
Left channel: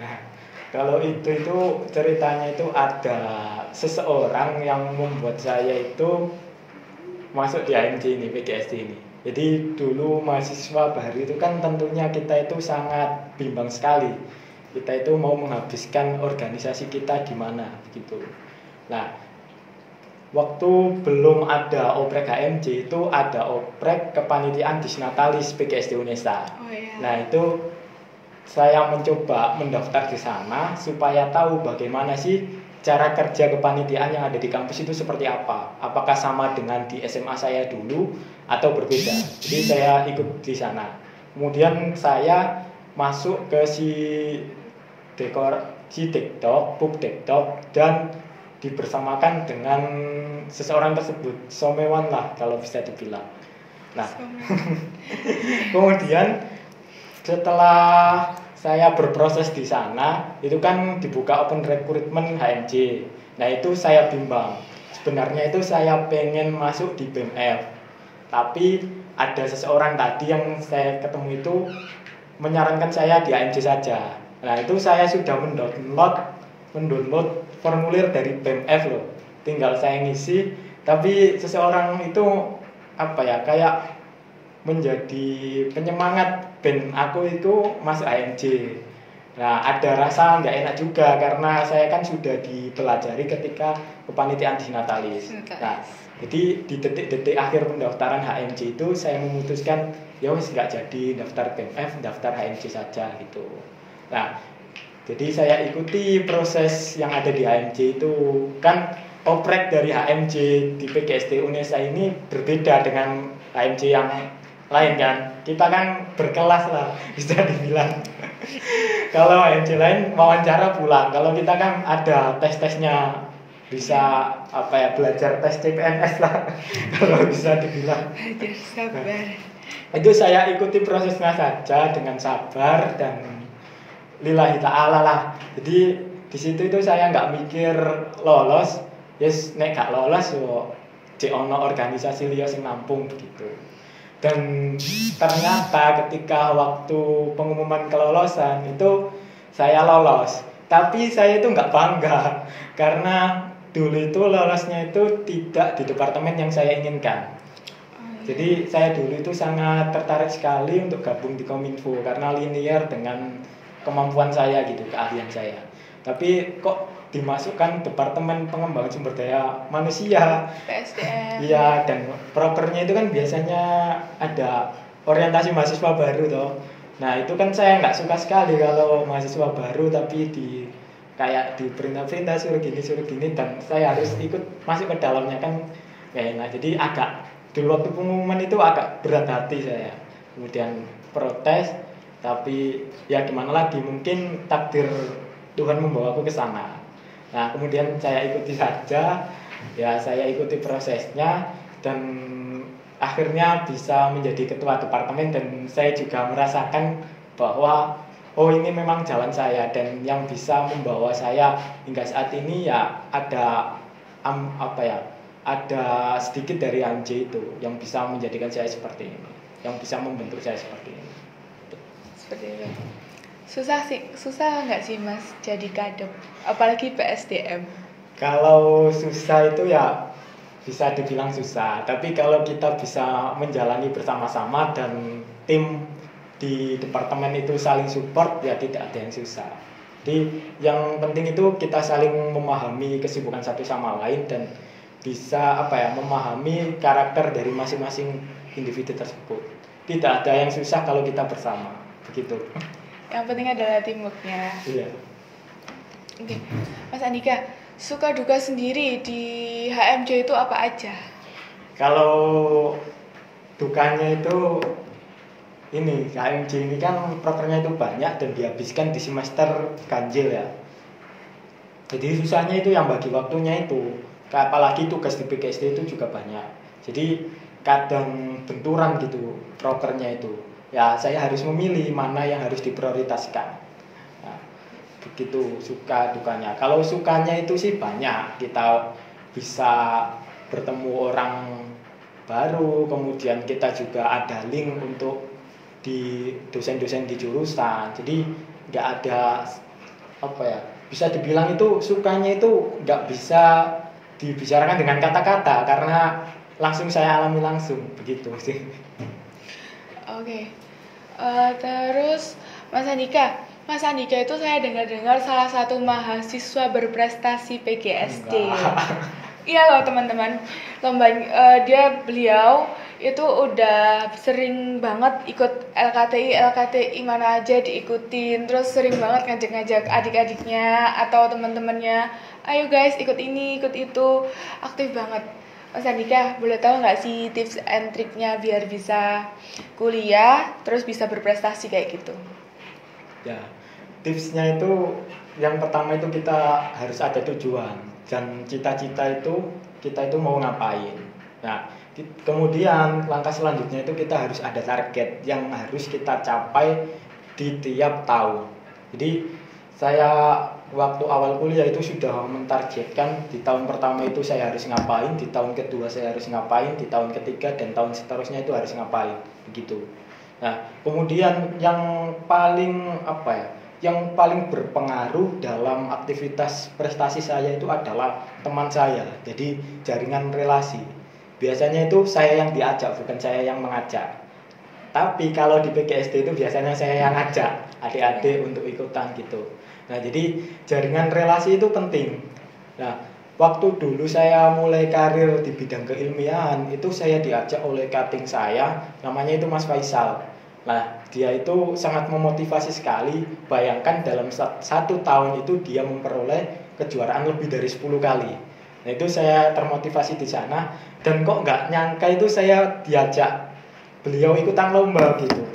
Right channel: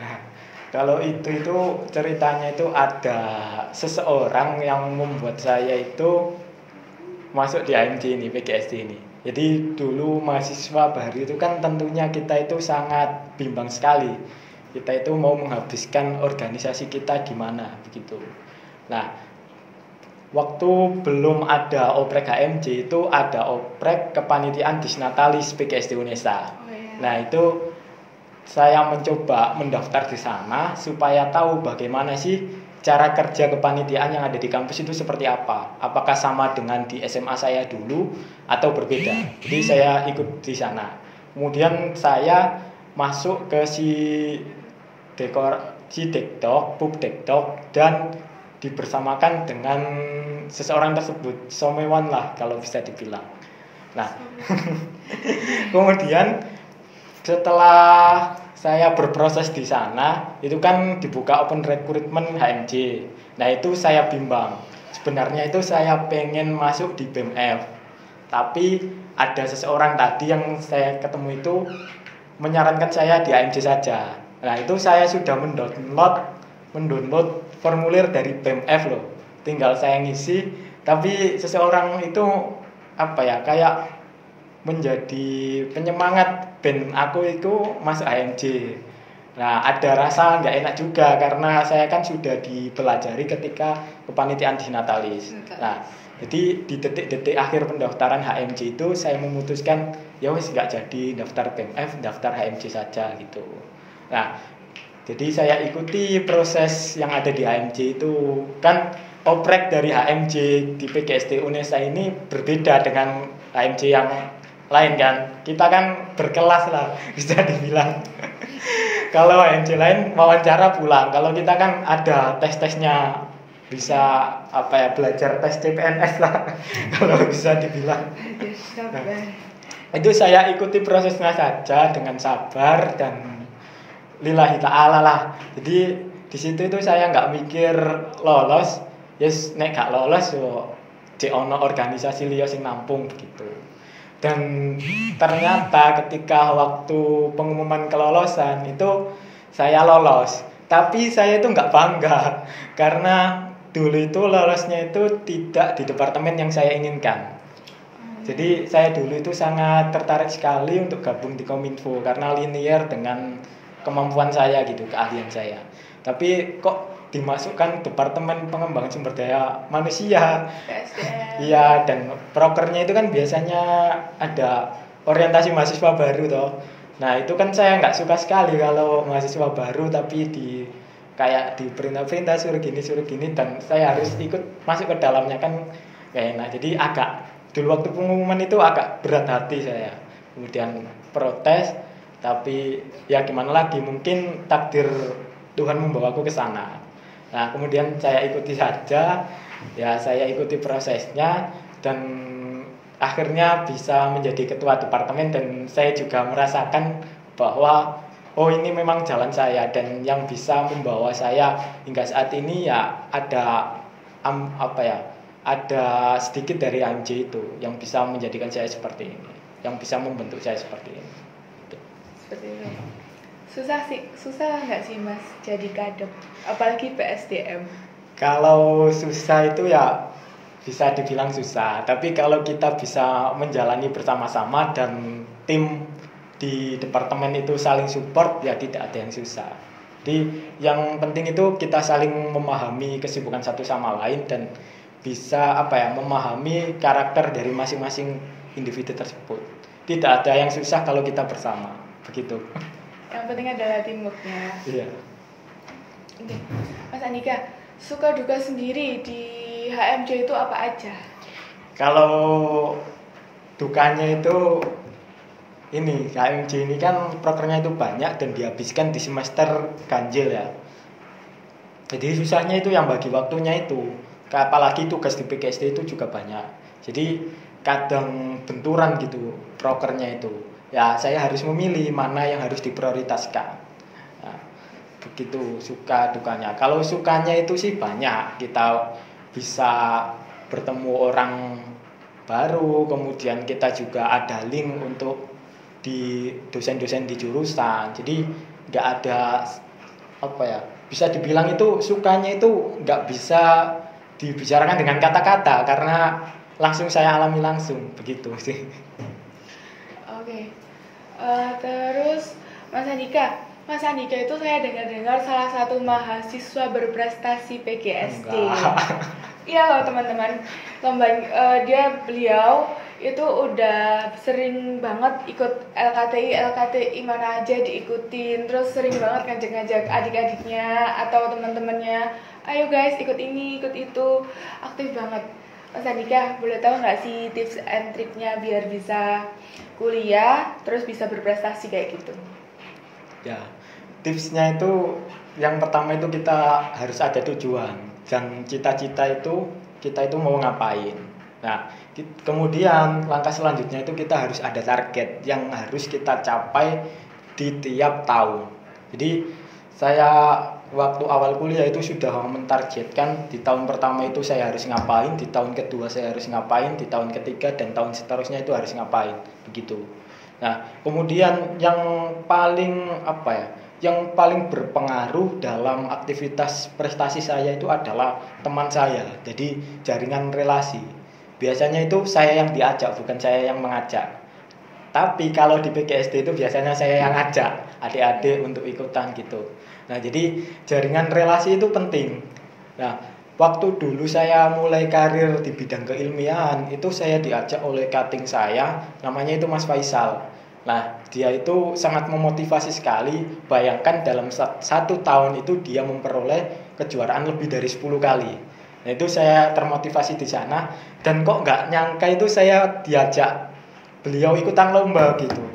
Nah, kalau itu ceritanya itu ada seseorang yang membuat saya itu masuk di HMJ ini, PGSD ini. Jadi dulu mahasiswa baru itu kan tentunya kita itu sangat bimbang sekali. Kita itu mau menghabiskan organisasi kita di mana begitu. Nah, waktu belum ada oprek HMJ itu ada oprek kepanitiaan Disnatalis PGSD UNESA. Nah, itu saya mencoba mendaftar di sana supaya tahu bagaimana sih cara kerja kepanitiaan yang ada di kampus itu seperti apa. Apakah sama dengan di SMA saya dulu atau berbeda. Jadi saya ikut di sana. Kemudian saya masuk ke Dektok, Buk Dektok, dan dibersamakan dengan seseorang tersebut, Somewan lah kalau bisa dibilang. Nah, kemudian setelah saya berproses di sana, itu kan dibuka open recruitment HMJ. Nah, itu saya bimbang. Sebenarnya itu saya pengen masuk di BMF. Tapi ada seseorang tadi yang saya ketemu itu menyarankan saya di HMJ saja. Nah, itu saya sudah mendownload formulir dari BMF loh. Tinggal saya ngisi, tapi seseorang itu kayak menjadi penyemangat ben aku itu masuk HMJ. Nah, ada rasa nggak enak juga karena saya kan sudah dipelajari ketika kepanitiaan Disnatalis. Nah, jadi di detik-detik akhir pendaftaran HMJ itu saya memutuskan ya wes nggak jadi daftar BMF, daftar HMJ saja gitu. Nah, jadi saya ikuti proses yang ada di HMJ itu. Kan oprek dari HMJ di PGSD UNESA ini berbeda dengan HMJ yang lain kan. Kita kan berkelas lah bisa dibilang. Kalau HMJ lain wawancara pulang. Kalau kita kan ada tes-tesnya, bisa belajar tes CPNS lah kalau bisa dibilang. Itu saya ikuti prosesnya saja dengan sabar dan lillahi ta'ala lah. Jadi di situ itu saya nggak mikir lolos, yes nek gak lolos yo cek ono organisasi liya sing nampung begitu. Dan ternyata ketika waktu pengumuman kelolosan itu saya lolos. Tapi saya itu nggak bangga karena dulu itu lolosnya itu tidak di departemen yang saya inginkan. Jadi saya dulu itu sangat tertarik sekali untuk gabung di Kominfo karena linear dengan kemampuan saya gitu, keahlian saya. Tapi kok dimasukkan Departemen Pengembangan Sumber Daya Manusia. PSDM. Iya, dan prokernya itu kan biasanya ada orientasi mahasiswa baru toh. Nah itu kan saya nggak suka sekali kalau mahasiswa baru tapi kayak diperintah-perintah suruh gini dan saya harus ikut masuk ke dalamnya kan kayak enak. Jadi agak dulu waktu pengumuman itu agak berat hati saya. Kemudian protes, tapi ya gimana lagi, mungkin takdir Tuhan membawa aku ke sana. Nah kemudian saya ikuti saja, ya saya ikuti prosesnya dan akhirnya bisa menjadi ketua departemen dan saya juga merasakan bahwa oh ini memang jalan saya dan yang bisa membawa saya hingga saat ini ya ada ada sedikit dari Anji itu yang bisa menjadikan saya seperti ini, yang bisa membentuk saya seperti ini. Seperti itu. Susah nggak sih Mas jadi kadep, apalagi PSDM? Kalau susah itu ya bisa dibilang susah, tapi kalau kita bisa menjalani bersama-sama dan tim di departemen itu saling support ya tidak ada yang susah. Jadi yang penting itu kita saling memahami kesibukan satu sama lain dan bisa memahami karakter dari masing-masing individu tersebut. Tidak ada yang susah kalau kita bersama, begitu. Yang penting adalah teamworknya. Iya. Oke. Mas Andika, suka duka sendiri di HMJ itu apa aja? Kalau dukanya itu ini, HMJ ini kan prokernya itu banyak dan dihabiskan di semester ganjil ya. Jadi susahnya itu yang bagi waktunya itu, apalagi tugas di PKSD itu juga banyak. Jadi kadang benturan gitu prokernya itu. Ya saya harus memilih mana yang harus diprioritaskan. Nah, begitu suka dukanya. Kalau sukanya itu sih banyak, kita bisa bertemu orang baru, kemudian kita juga ada link untuk di dosen-dosen di jurusan. Jadi nggak ada bisa dibilang itu sukanya itu nggak bisa dibicarakan dengan kata-kata karena langsung saya alami langsung, begitu sih. Oke. Terus Mas Andika itu saya dengar-dengar salah satu mahasiswa berprestasi PGSD. Iya loh teman-teman. Beliau itu udah sering banget ikut LKTI mana aja diikutin, terus sering banget ngajak-ngajak adik-adiknya atau teman-temannya, ayo guys ikut ini ikut itu, aktif banget. Mas Andika, boleh tahu nggak sih tips and triknya biar bisa kuliah terus bisa berprestasi kayak gitu? Ya, tipsnya itu yang pertama itu kita harus ada tujuan dan cita-cita itu kita itu mau ngapain. Nah, kemudian langkah selanjutnya itu kita harus ada target yang harus kita capai di tiap tahun. Jadi saya waktu awal kuliah itu sudah mentargetkan di tahun pertama itu saya harus ngapain, di tahun kedua saya harus ngapain, di tahun ketiga dan tahun seterusnya itu harus ngapain, begitu. Nah, kemudian yang paling berpengaruh dalam aktivitas prestasi saya itu adalah teman saya. Jadi jaringan relasi. Biasanya itu saya yang diajak, bukan saya yang mengajak. Tapi kalau di PGSD itu biasanya saya yang ngajak adik-adik untuk ikutan gitu. Nah, jadi jaringan relasi itu penting. Nah, waktu dulu saya mulai karir di bidang keilmiahan, itu saya diajak oleh cutting saya, namanya itu Mas Faisal. Nah, dia itu sangat memotivasi sekali. Bayangkan dalam satu tahun itu dia memperoleh kejuaraan lebih dari 10 kali. Nah, itu saya termotivasi di sana. Dan kok nggak nyangka itu saya diajak beliau ikutan lomba gitu.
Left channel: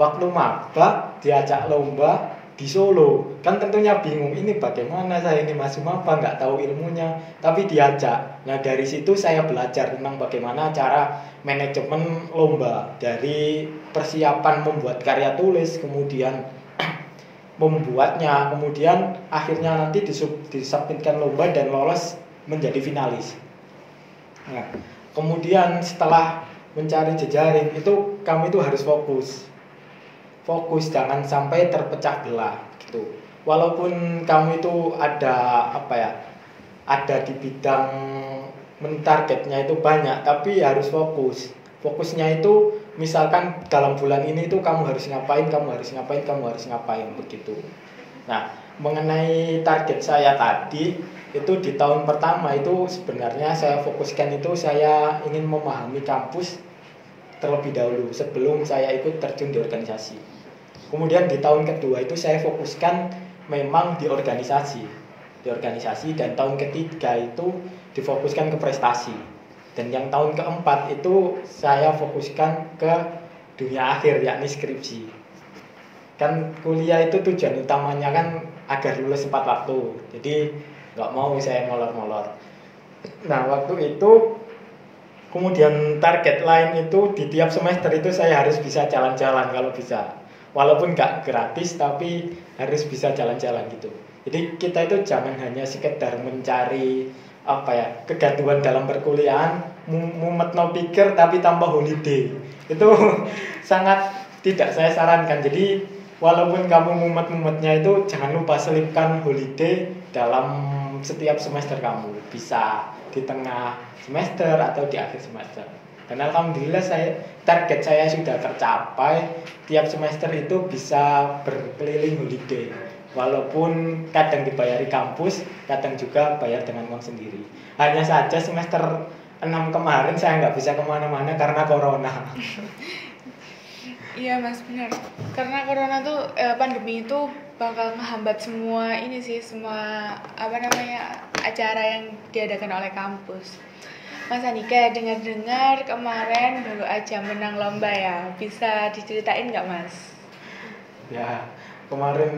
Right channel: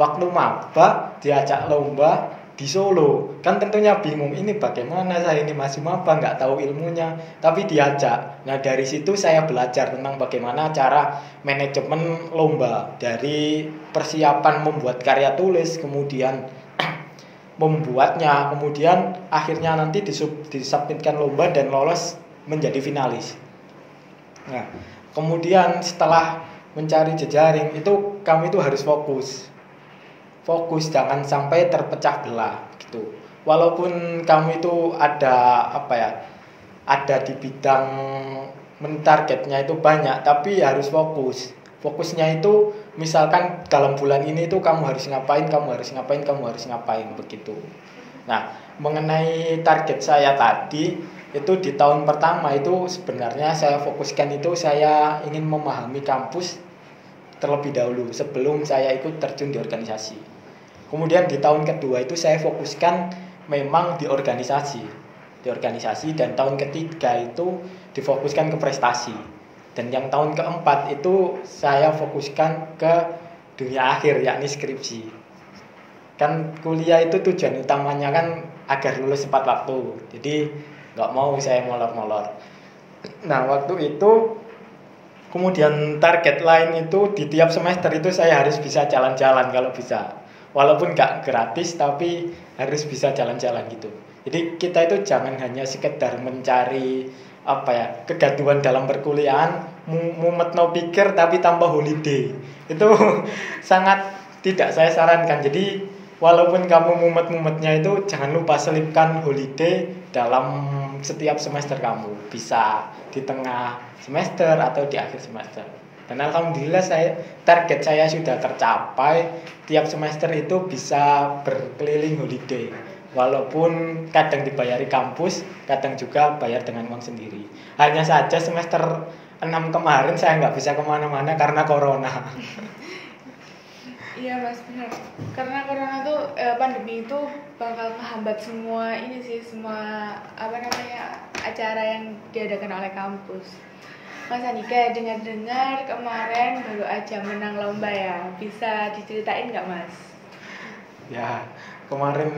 Waktu maba diajak lomba di Solo, kan tentunya bingung ini bagaimana, saya ini masih maba nggak tahu ilmunya, tapi diajak. Nah dari situ saya belajar tentang bagaimana cara manajemen lomba, dari persiapan membuat karya tulis, kemudian membuatnya, kemudian akhirnya nanti disubmitkan lomba dan lolos menjadi finalis. Nah kemudian setelah mencari jejaring itu kami itu harus fokus jangan sampai terpecah belah gitu. Walaupun kamu itu ada di bidang mentargetnya itu banyak, tapi harus fokusnya itu misalkan dalam bulan ini tuh kamu harus ngapain, kamu harus ngapain, kamu harus ngapain begitu. Nah, mengenai target saya tadi itu di tahun pertama itu sebenarnya saya fokuskan itu saya ingin memahami kampus terlebih dahulu sebelum saya ikut terjun di organisasi. Kemudian di tahun kedua itu saya fokuskan memang di organisasi dan tahun ketiga itu difokuskan ke prestasi. Dan yang tahun keempat itu saya fokuskan ke dunia akhir yakni skripsi. Kan kuliah itu tujuan utamanya kan agar lulus tepat waktu. Jadi nggak mau saya molor-molor. Nah waktu itu kemudian target lain itu di tiap semester itu saya harus bisa jalan-jalan kalau bisa. Walaupun nggak gratis tapi harus bisa jalan-jalan gitu. Jadi kita itu jangan hanya sekedar mencari kegaduhan dalam perkuliahan, mumet no pikir tapi tanpa holiday. Itu sangat tidak saya sarankan. Jadi walaupun kamu mumet-mumetnya itu jangan lupa selipkan holiday dalam setiap semester kamu. Bisa di tengah semester atau di akhir semester. Dan alhamdulillah target saya sudah tercapai. Tiap semester itu bisa berkeliling holiday. Walaupun kadang dibayari kampus, kadang juga bayar dengan uang sendiri. Hanya saja semester 6 kemarin saya nggak bisa kemana-mana karena corona. Iya mas, benar. Karena corona tuh pandemi itu bakal menghambat semua acara yang diadakan oleh kampus. Mas Andika, dengar-dengar kemarin baru aja menang lomba ya, bisa diceritain nggak mas? Ya, kemarin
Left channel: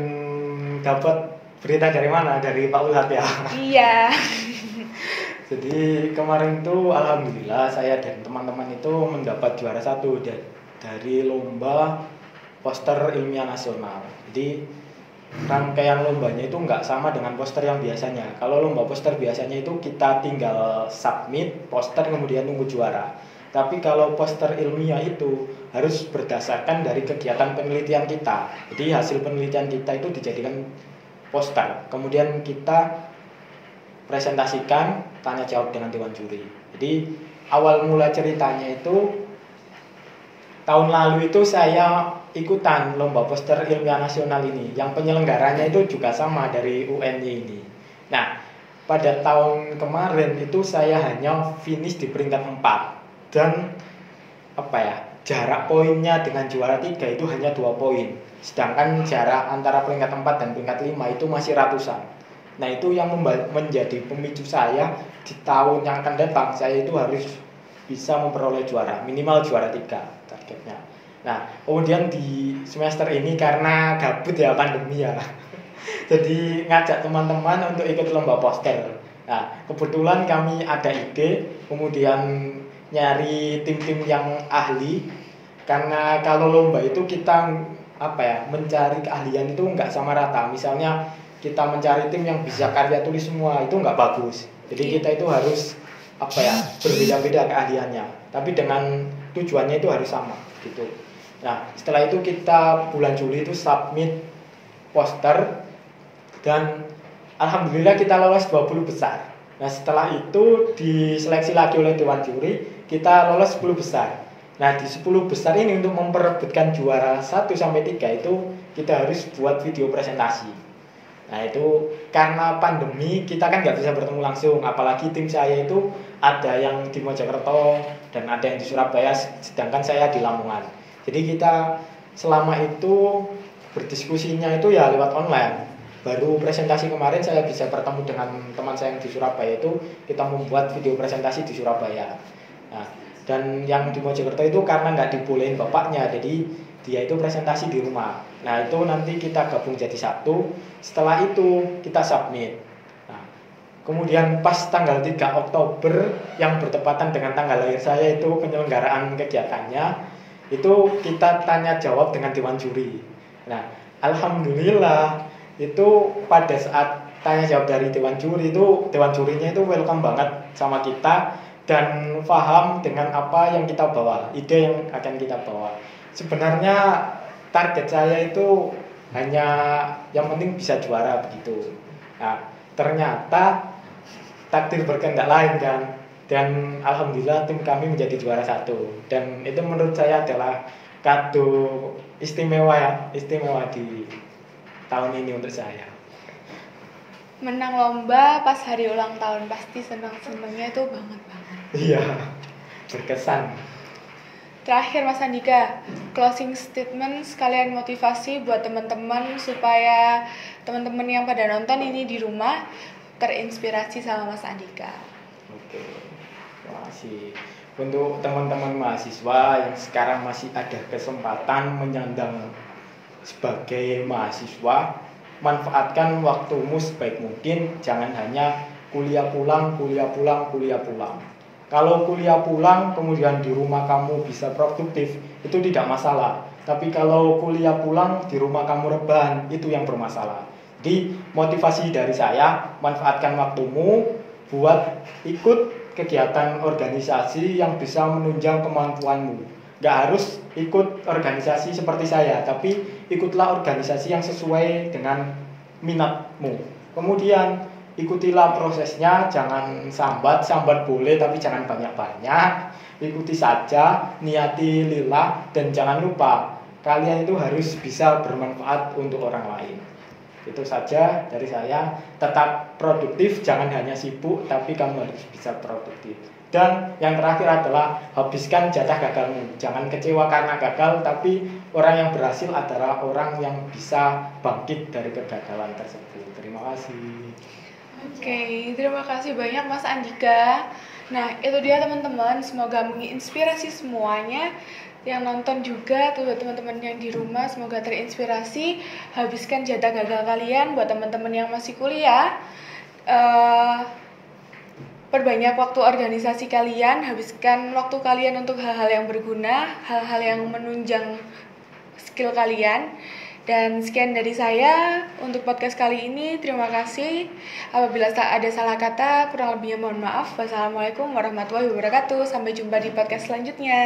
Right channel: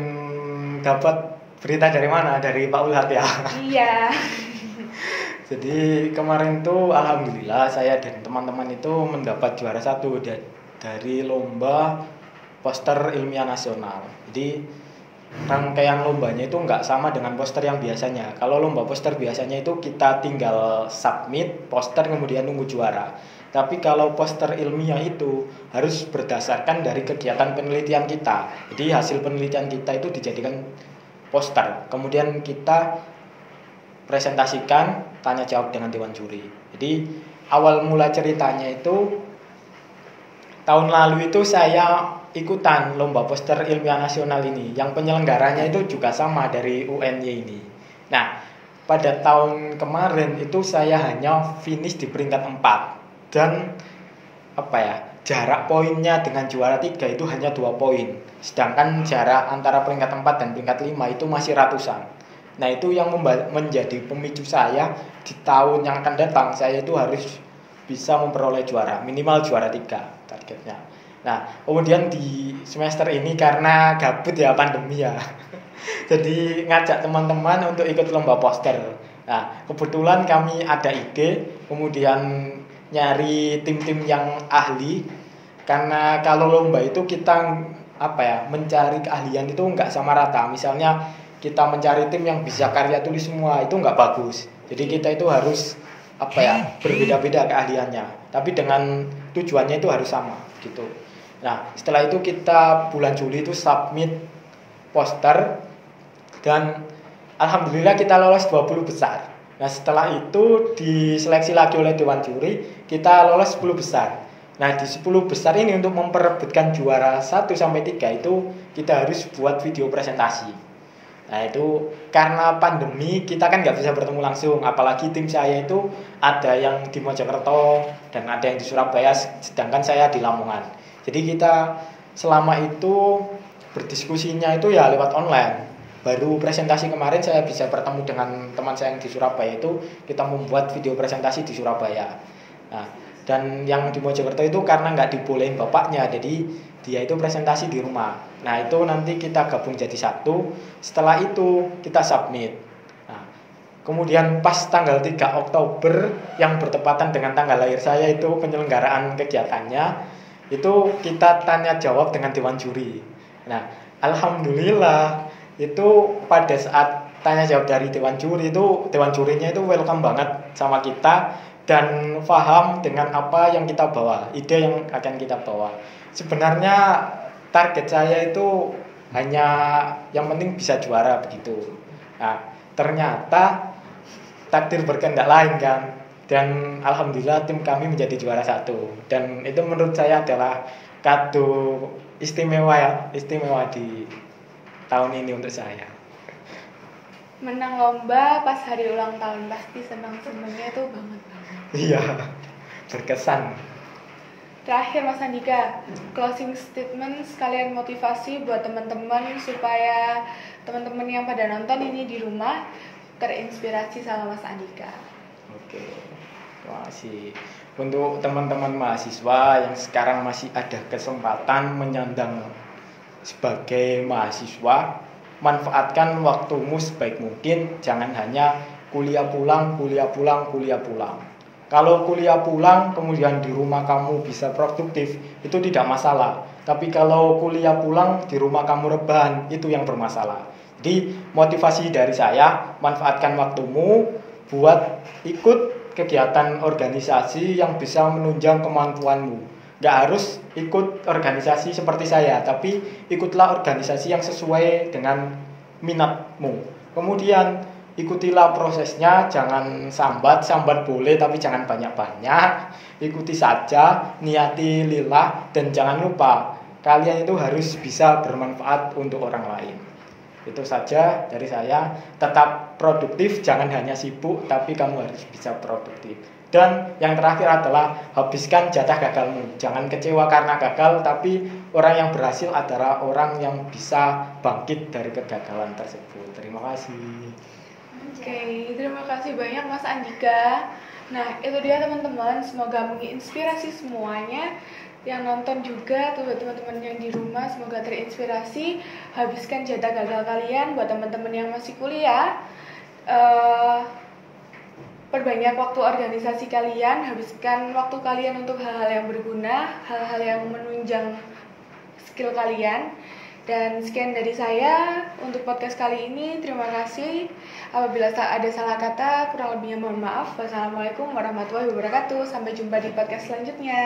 dapat berita dari mana? Dari Pak Ulhat ya? Iya. Jadi kemarin tuh alhamdulillah saya dan teman-teman itu mendapat juara 1 dari lomba poster ilmiah nasional. Jadi rangkaian lombanya itu nggak sama dengan poster yang biasanya. Kalau lomba poster biasanya itu kita tinggal submit poster kemudian nunggu juara. Tapi kalau poster ilmiah itu harus berdasarkan dari kegiatan penelitian kita. Jadi hasil penelitian kita itu dijadikan poster. Kemudian kita presentasikan, tanya jawab dengan dewan juri. Jadi awal mula ceritanya itu tahun lalu itu saya ikutan lomba poster ilmiah nasional ini. Yang penyelenggaranya itu juga sama dari UNY ini. Nah, pada tahun kemarin itu saya hanya finish di peringkat 4. Dan jarak poinnya dengan juara 3 itu hanya 2 poin. Sedangkan jarak antara peringkat 4 dan peringkat 5 itu masih ratusan. Nah, itu yang menjadi pemicu saya di tahun yang akan datang saya itu harus bisa memperoleh juara, minimal juara 3 targetnya. Nah, kemudian di semester ini karena gabut ya pandemi ya. Jadi ngajak teman-teman untuk ikut lomba poster. Nah, kebetulan kami ada ide, kemudian nyari tim-tim yang ahli. Karena kalau lomba itu kita mencari keahlian itu nggak sama rata. Misalnya kita mencari tim yang bisa karya tulis semua itu nggak bagus. Jadi kita itu harus berbeda-beda keahliannya. Tapi dengan tujuannya itu harus sama gitu. Nah, setelah itu kita bulan Juli itu submit poster dan alhamdulillah kita lolos 20 besar. Nah, setelah itu diseleksi lagi oleh dewan juri, kita lolos 10 besar. Nah, di 10 besar ini untuk memperebutkan juara 1 sampai 3 itu kita harus buat video presentasi. Nah, itu karena pandemi kita kan nggak bisa bertemu langsung, apalagi tim saya itu ada yang di Mojokerto dan ada yang di Surabaya, sedangkan saya di Lamongan. Jadi kita selama itu berdiskusinya itu ya lewat online. Baru presentasi kemarin saya bisa bertemu dengan teman saya yang di Surabaya, itu kita membuat video presentasi di Surabaya. Nah, dan yang di Mojokerto itu karena nggak dibolehin bapaknya, jadi dia itu presentasi di rumah. Nah, itu nanti kita gabung jadi satu. Setelah itu kita submit. Nah, kemudian pas tanggal 3 Oktober yang bertepatan dengan tanggal lahir saya itu penyelenggaraan kegiatannya, itu kita tanya jawab dengan dewan juri. Nah, alhamdulillah itu pada saat tanya jawab dari dewan juri itu, dewan jurinya itu welcome banget sama kita dan paham dengan apa yang kita bawa, ide yang akan kita bawa. Sebenarnya target saya itu hanya yang penting bisa juara begitu. Nah, ternyata takdir berkehendak lain kan. dan alhamdulillah tim kami menjadi juara 1, dan itu menurut saya adalah kado istimewa di tahun ini untuk saya. Menang lomba pas hari ulang tahun pasti senang-senangnya tuh banget. Iya, berkesan. Terakhir Mas Andika, closing statement sekalian motivasi buat teman-teman supaya teman-teman yang pada nonton ini di rumah terinspirasi sama Mas Andika. Oke, terima kasih. Untuk teman-teman mahasiswa yang sekarang masih ada kesempatan menyandang sebagai mahasiswa, manfaatkan waktumu sebaik mungkin, jangan hanya kuliah pulang. Kalau kuliah pulang kemudian di rumah kamu bisa produktif, itu tidak masalah. Tapi kalau kuliah pulang di rumah kamu rebahan, itu yang bermasalah. Jadi motivasi dari saya, manfaatkan waktumu buat ikut kegiatan organisasi yang bisa menunjang kemampuanmu. Gak harus ikut organisasi seperti saya, tapi ikutlah organisasi yang sesuai dengan minatmu. Kemudian ikutilah prosesnya, jangan sambat boleh tapi jangan banyak-banyak. Ikuti saja, niati lillah, dan jangan lupa kalian itu harus bisa bermanfaat untuk orang lain. Itu saja dari saya. Tetap produktif, jangan hanya sibuk, tapi kamu harus bisa produktif. Dan yang terakhir adalah habiskan jatah gagalmu. Jangan kecewa karena gagal, tapi orang yang berhasil adalah orang yang bisa bangkit dari kegagalan tersebut. Terima kasih. Oke, terima kasih banyak Mas Andika. Nah, itu dia teman-teman, semoga menginspirasi semuanya. Yang nonton juga, tuh teman-teman yang di rumah, semoga terinspirasi. Habiskan jatah gagal kalian. Buat teman-teman yang masih kuliah, perbanyak waktu organisasi kalian, habiskan waktu kalian untuk hal-hal yang berguna, hal-hal yang menunjang skill kalian. Dan sekian dari saya untuk podcast kali ini. Terima kasih. Apabila ada salah kata, kurang lebihnya mohon maaf. Wassalamualaikum warahmatullahi wabarakatuh. Sampai jumpa di podcast selanjutnya.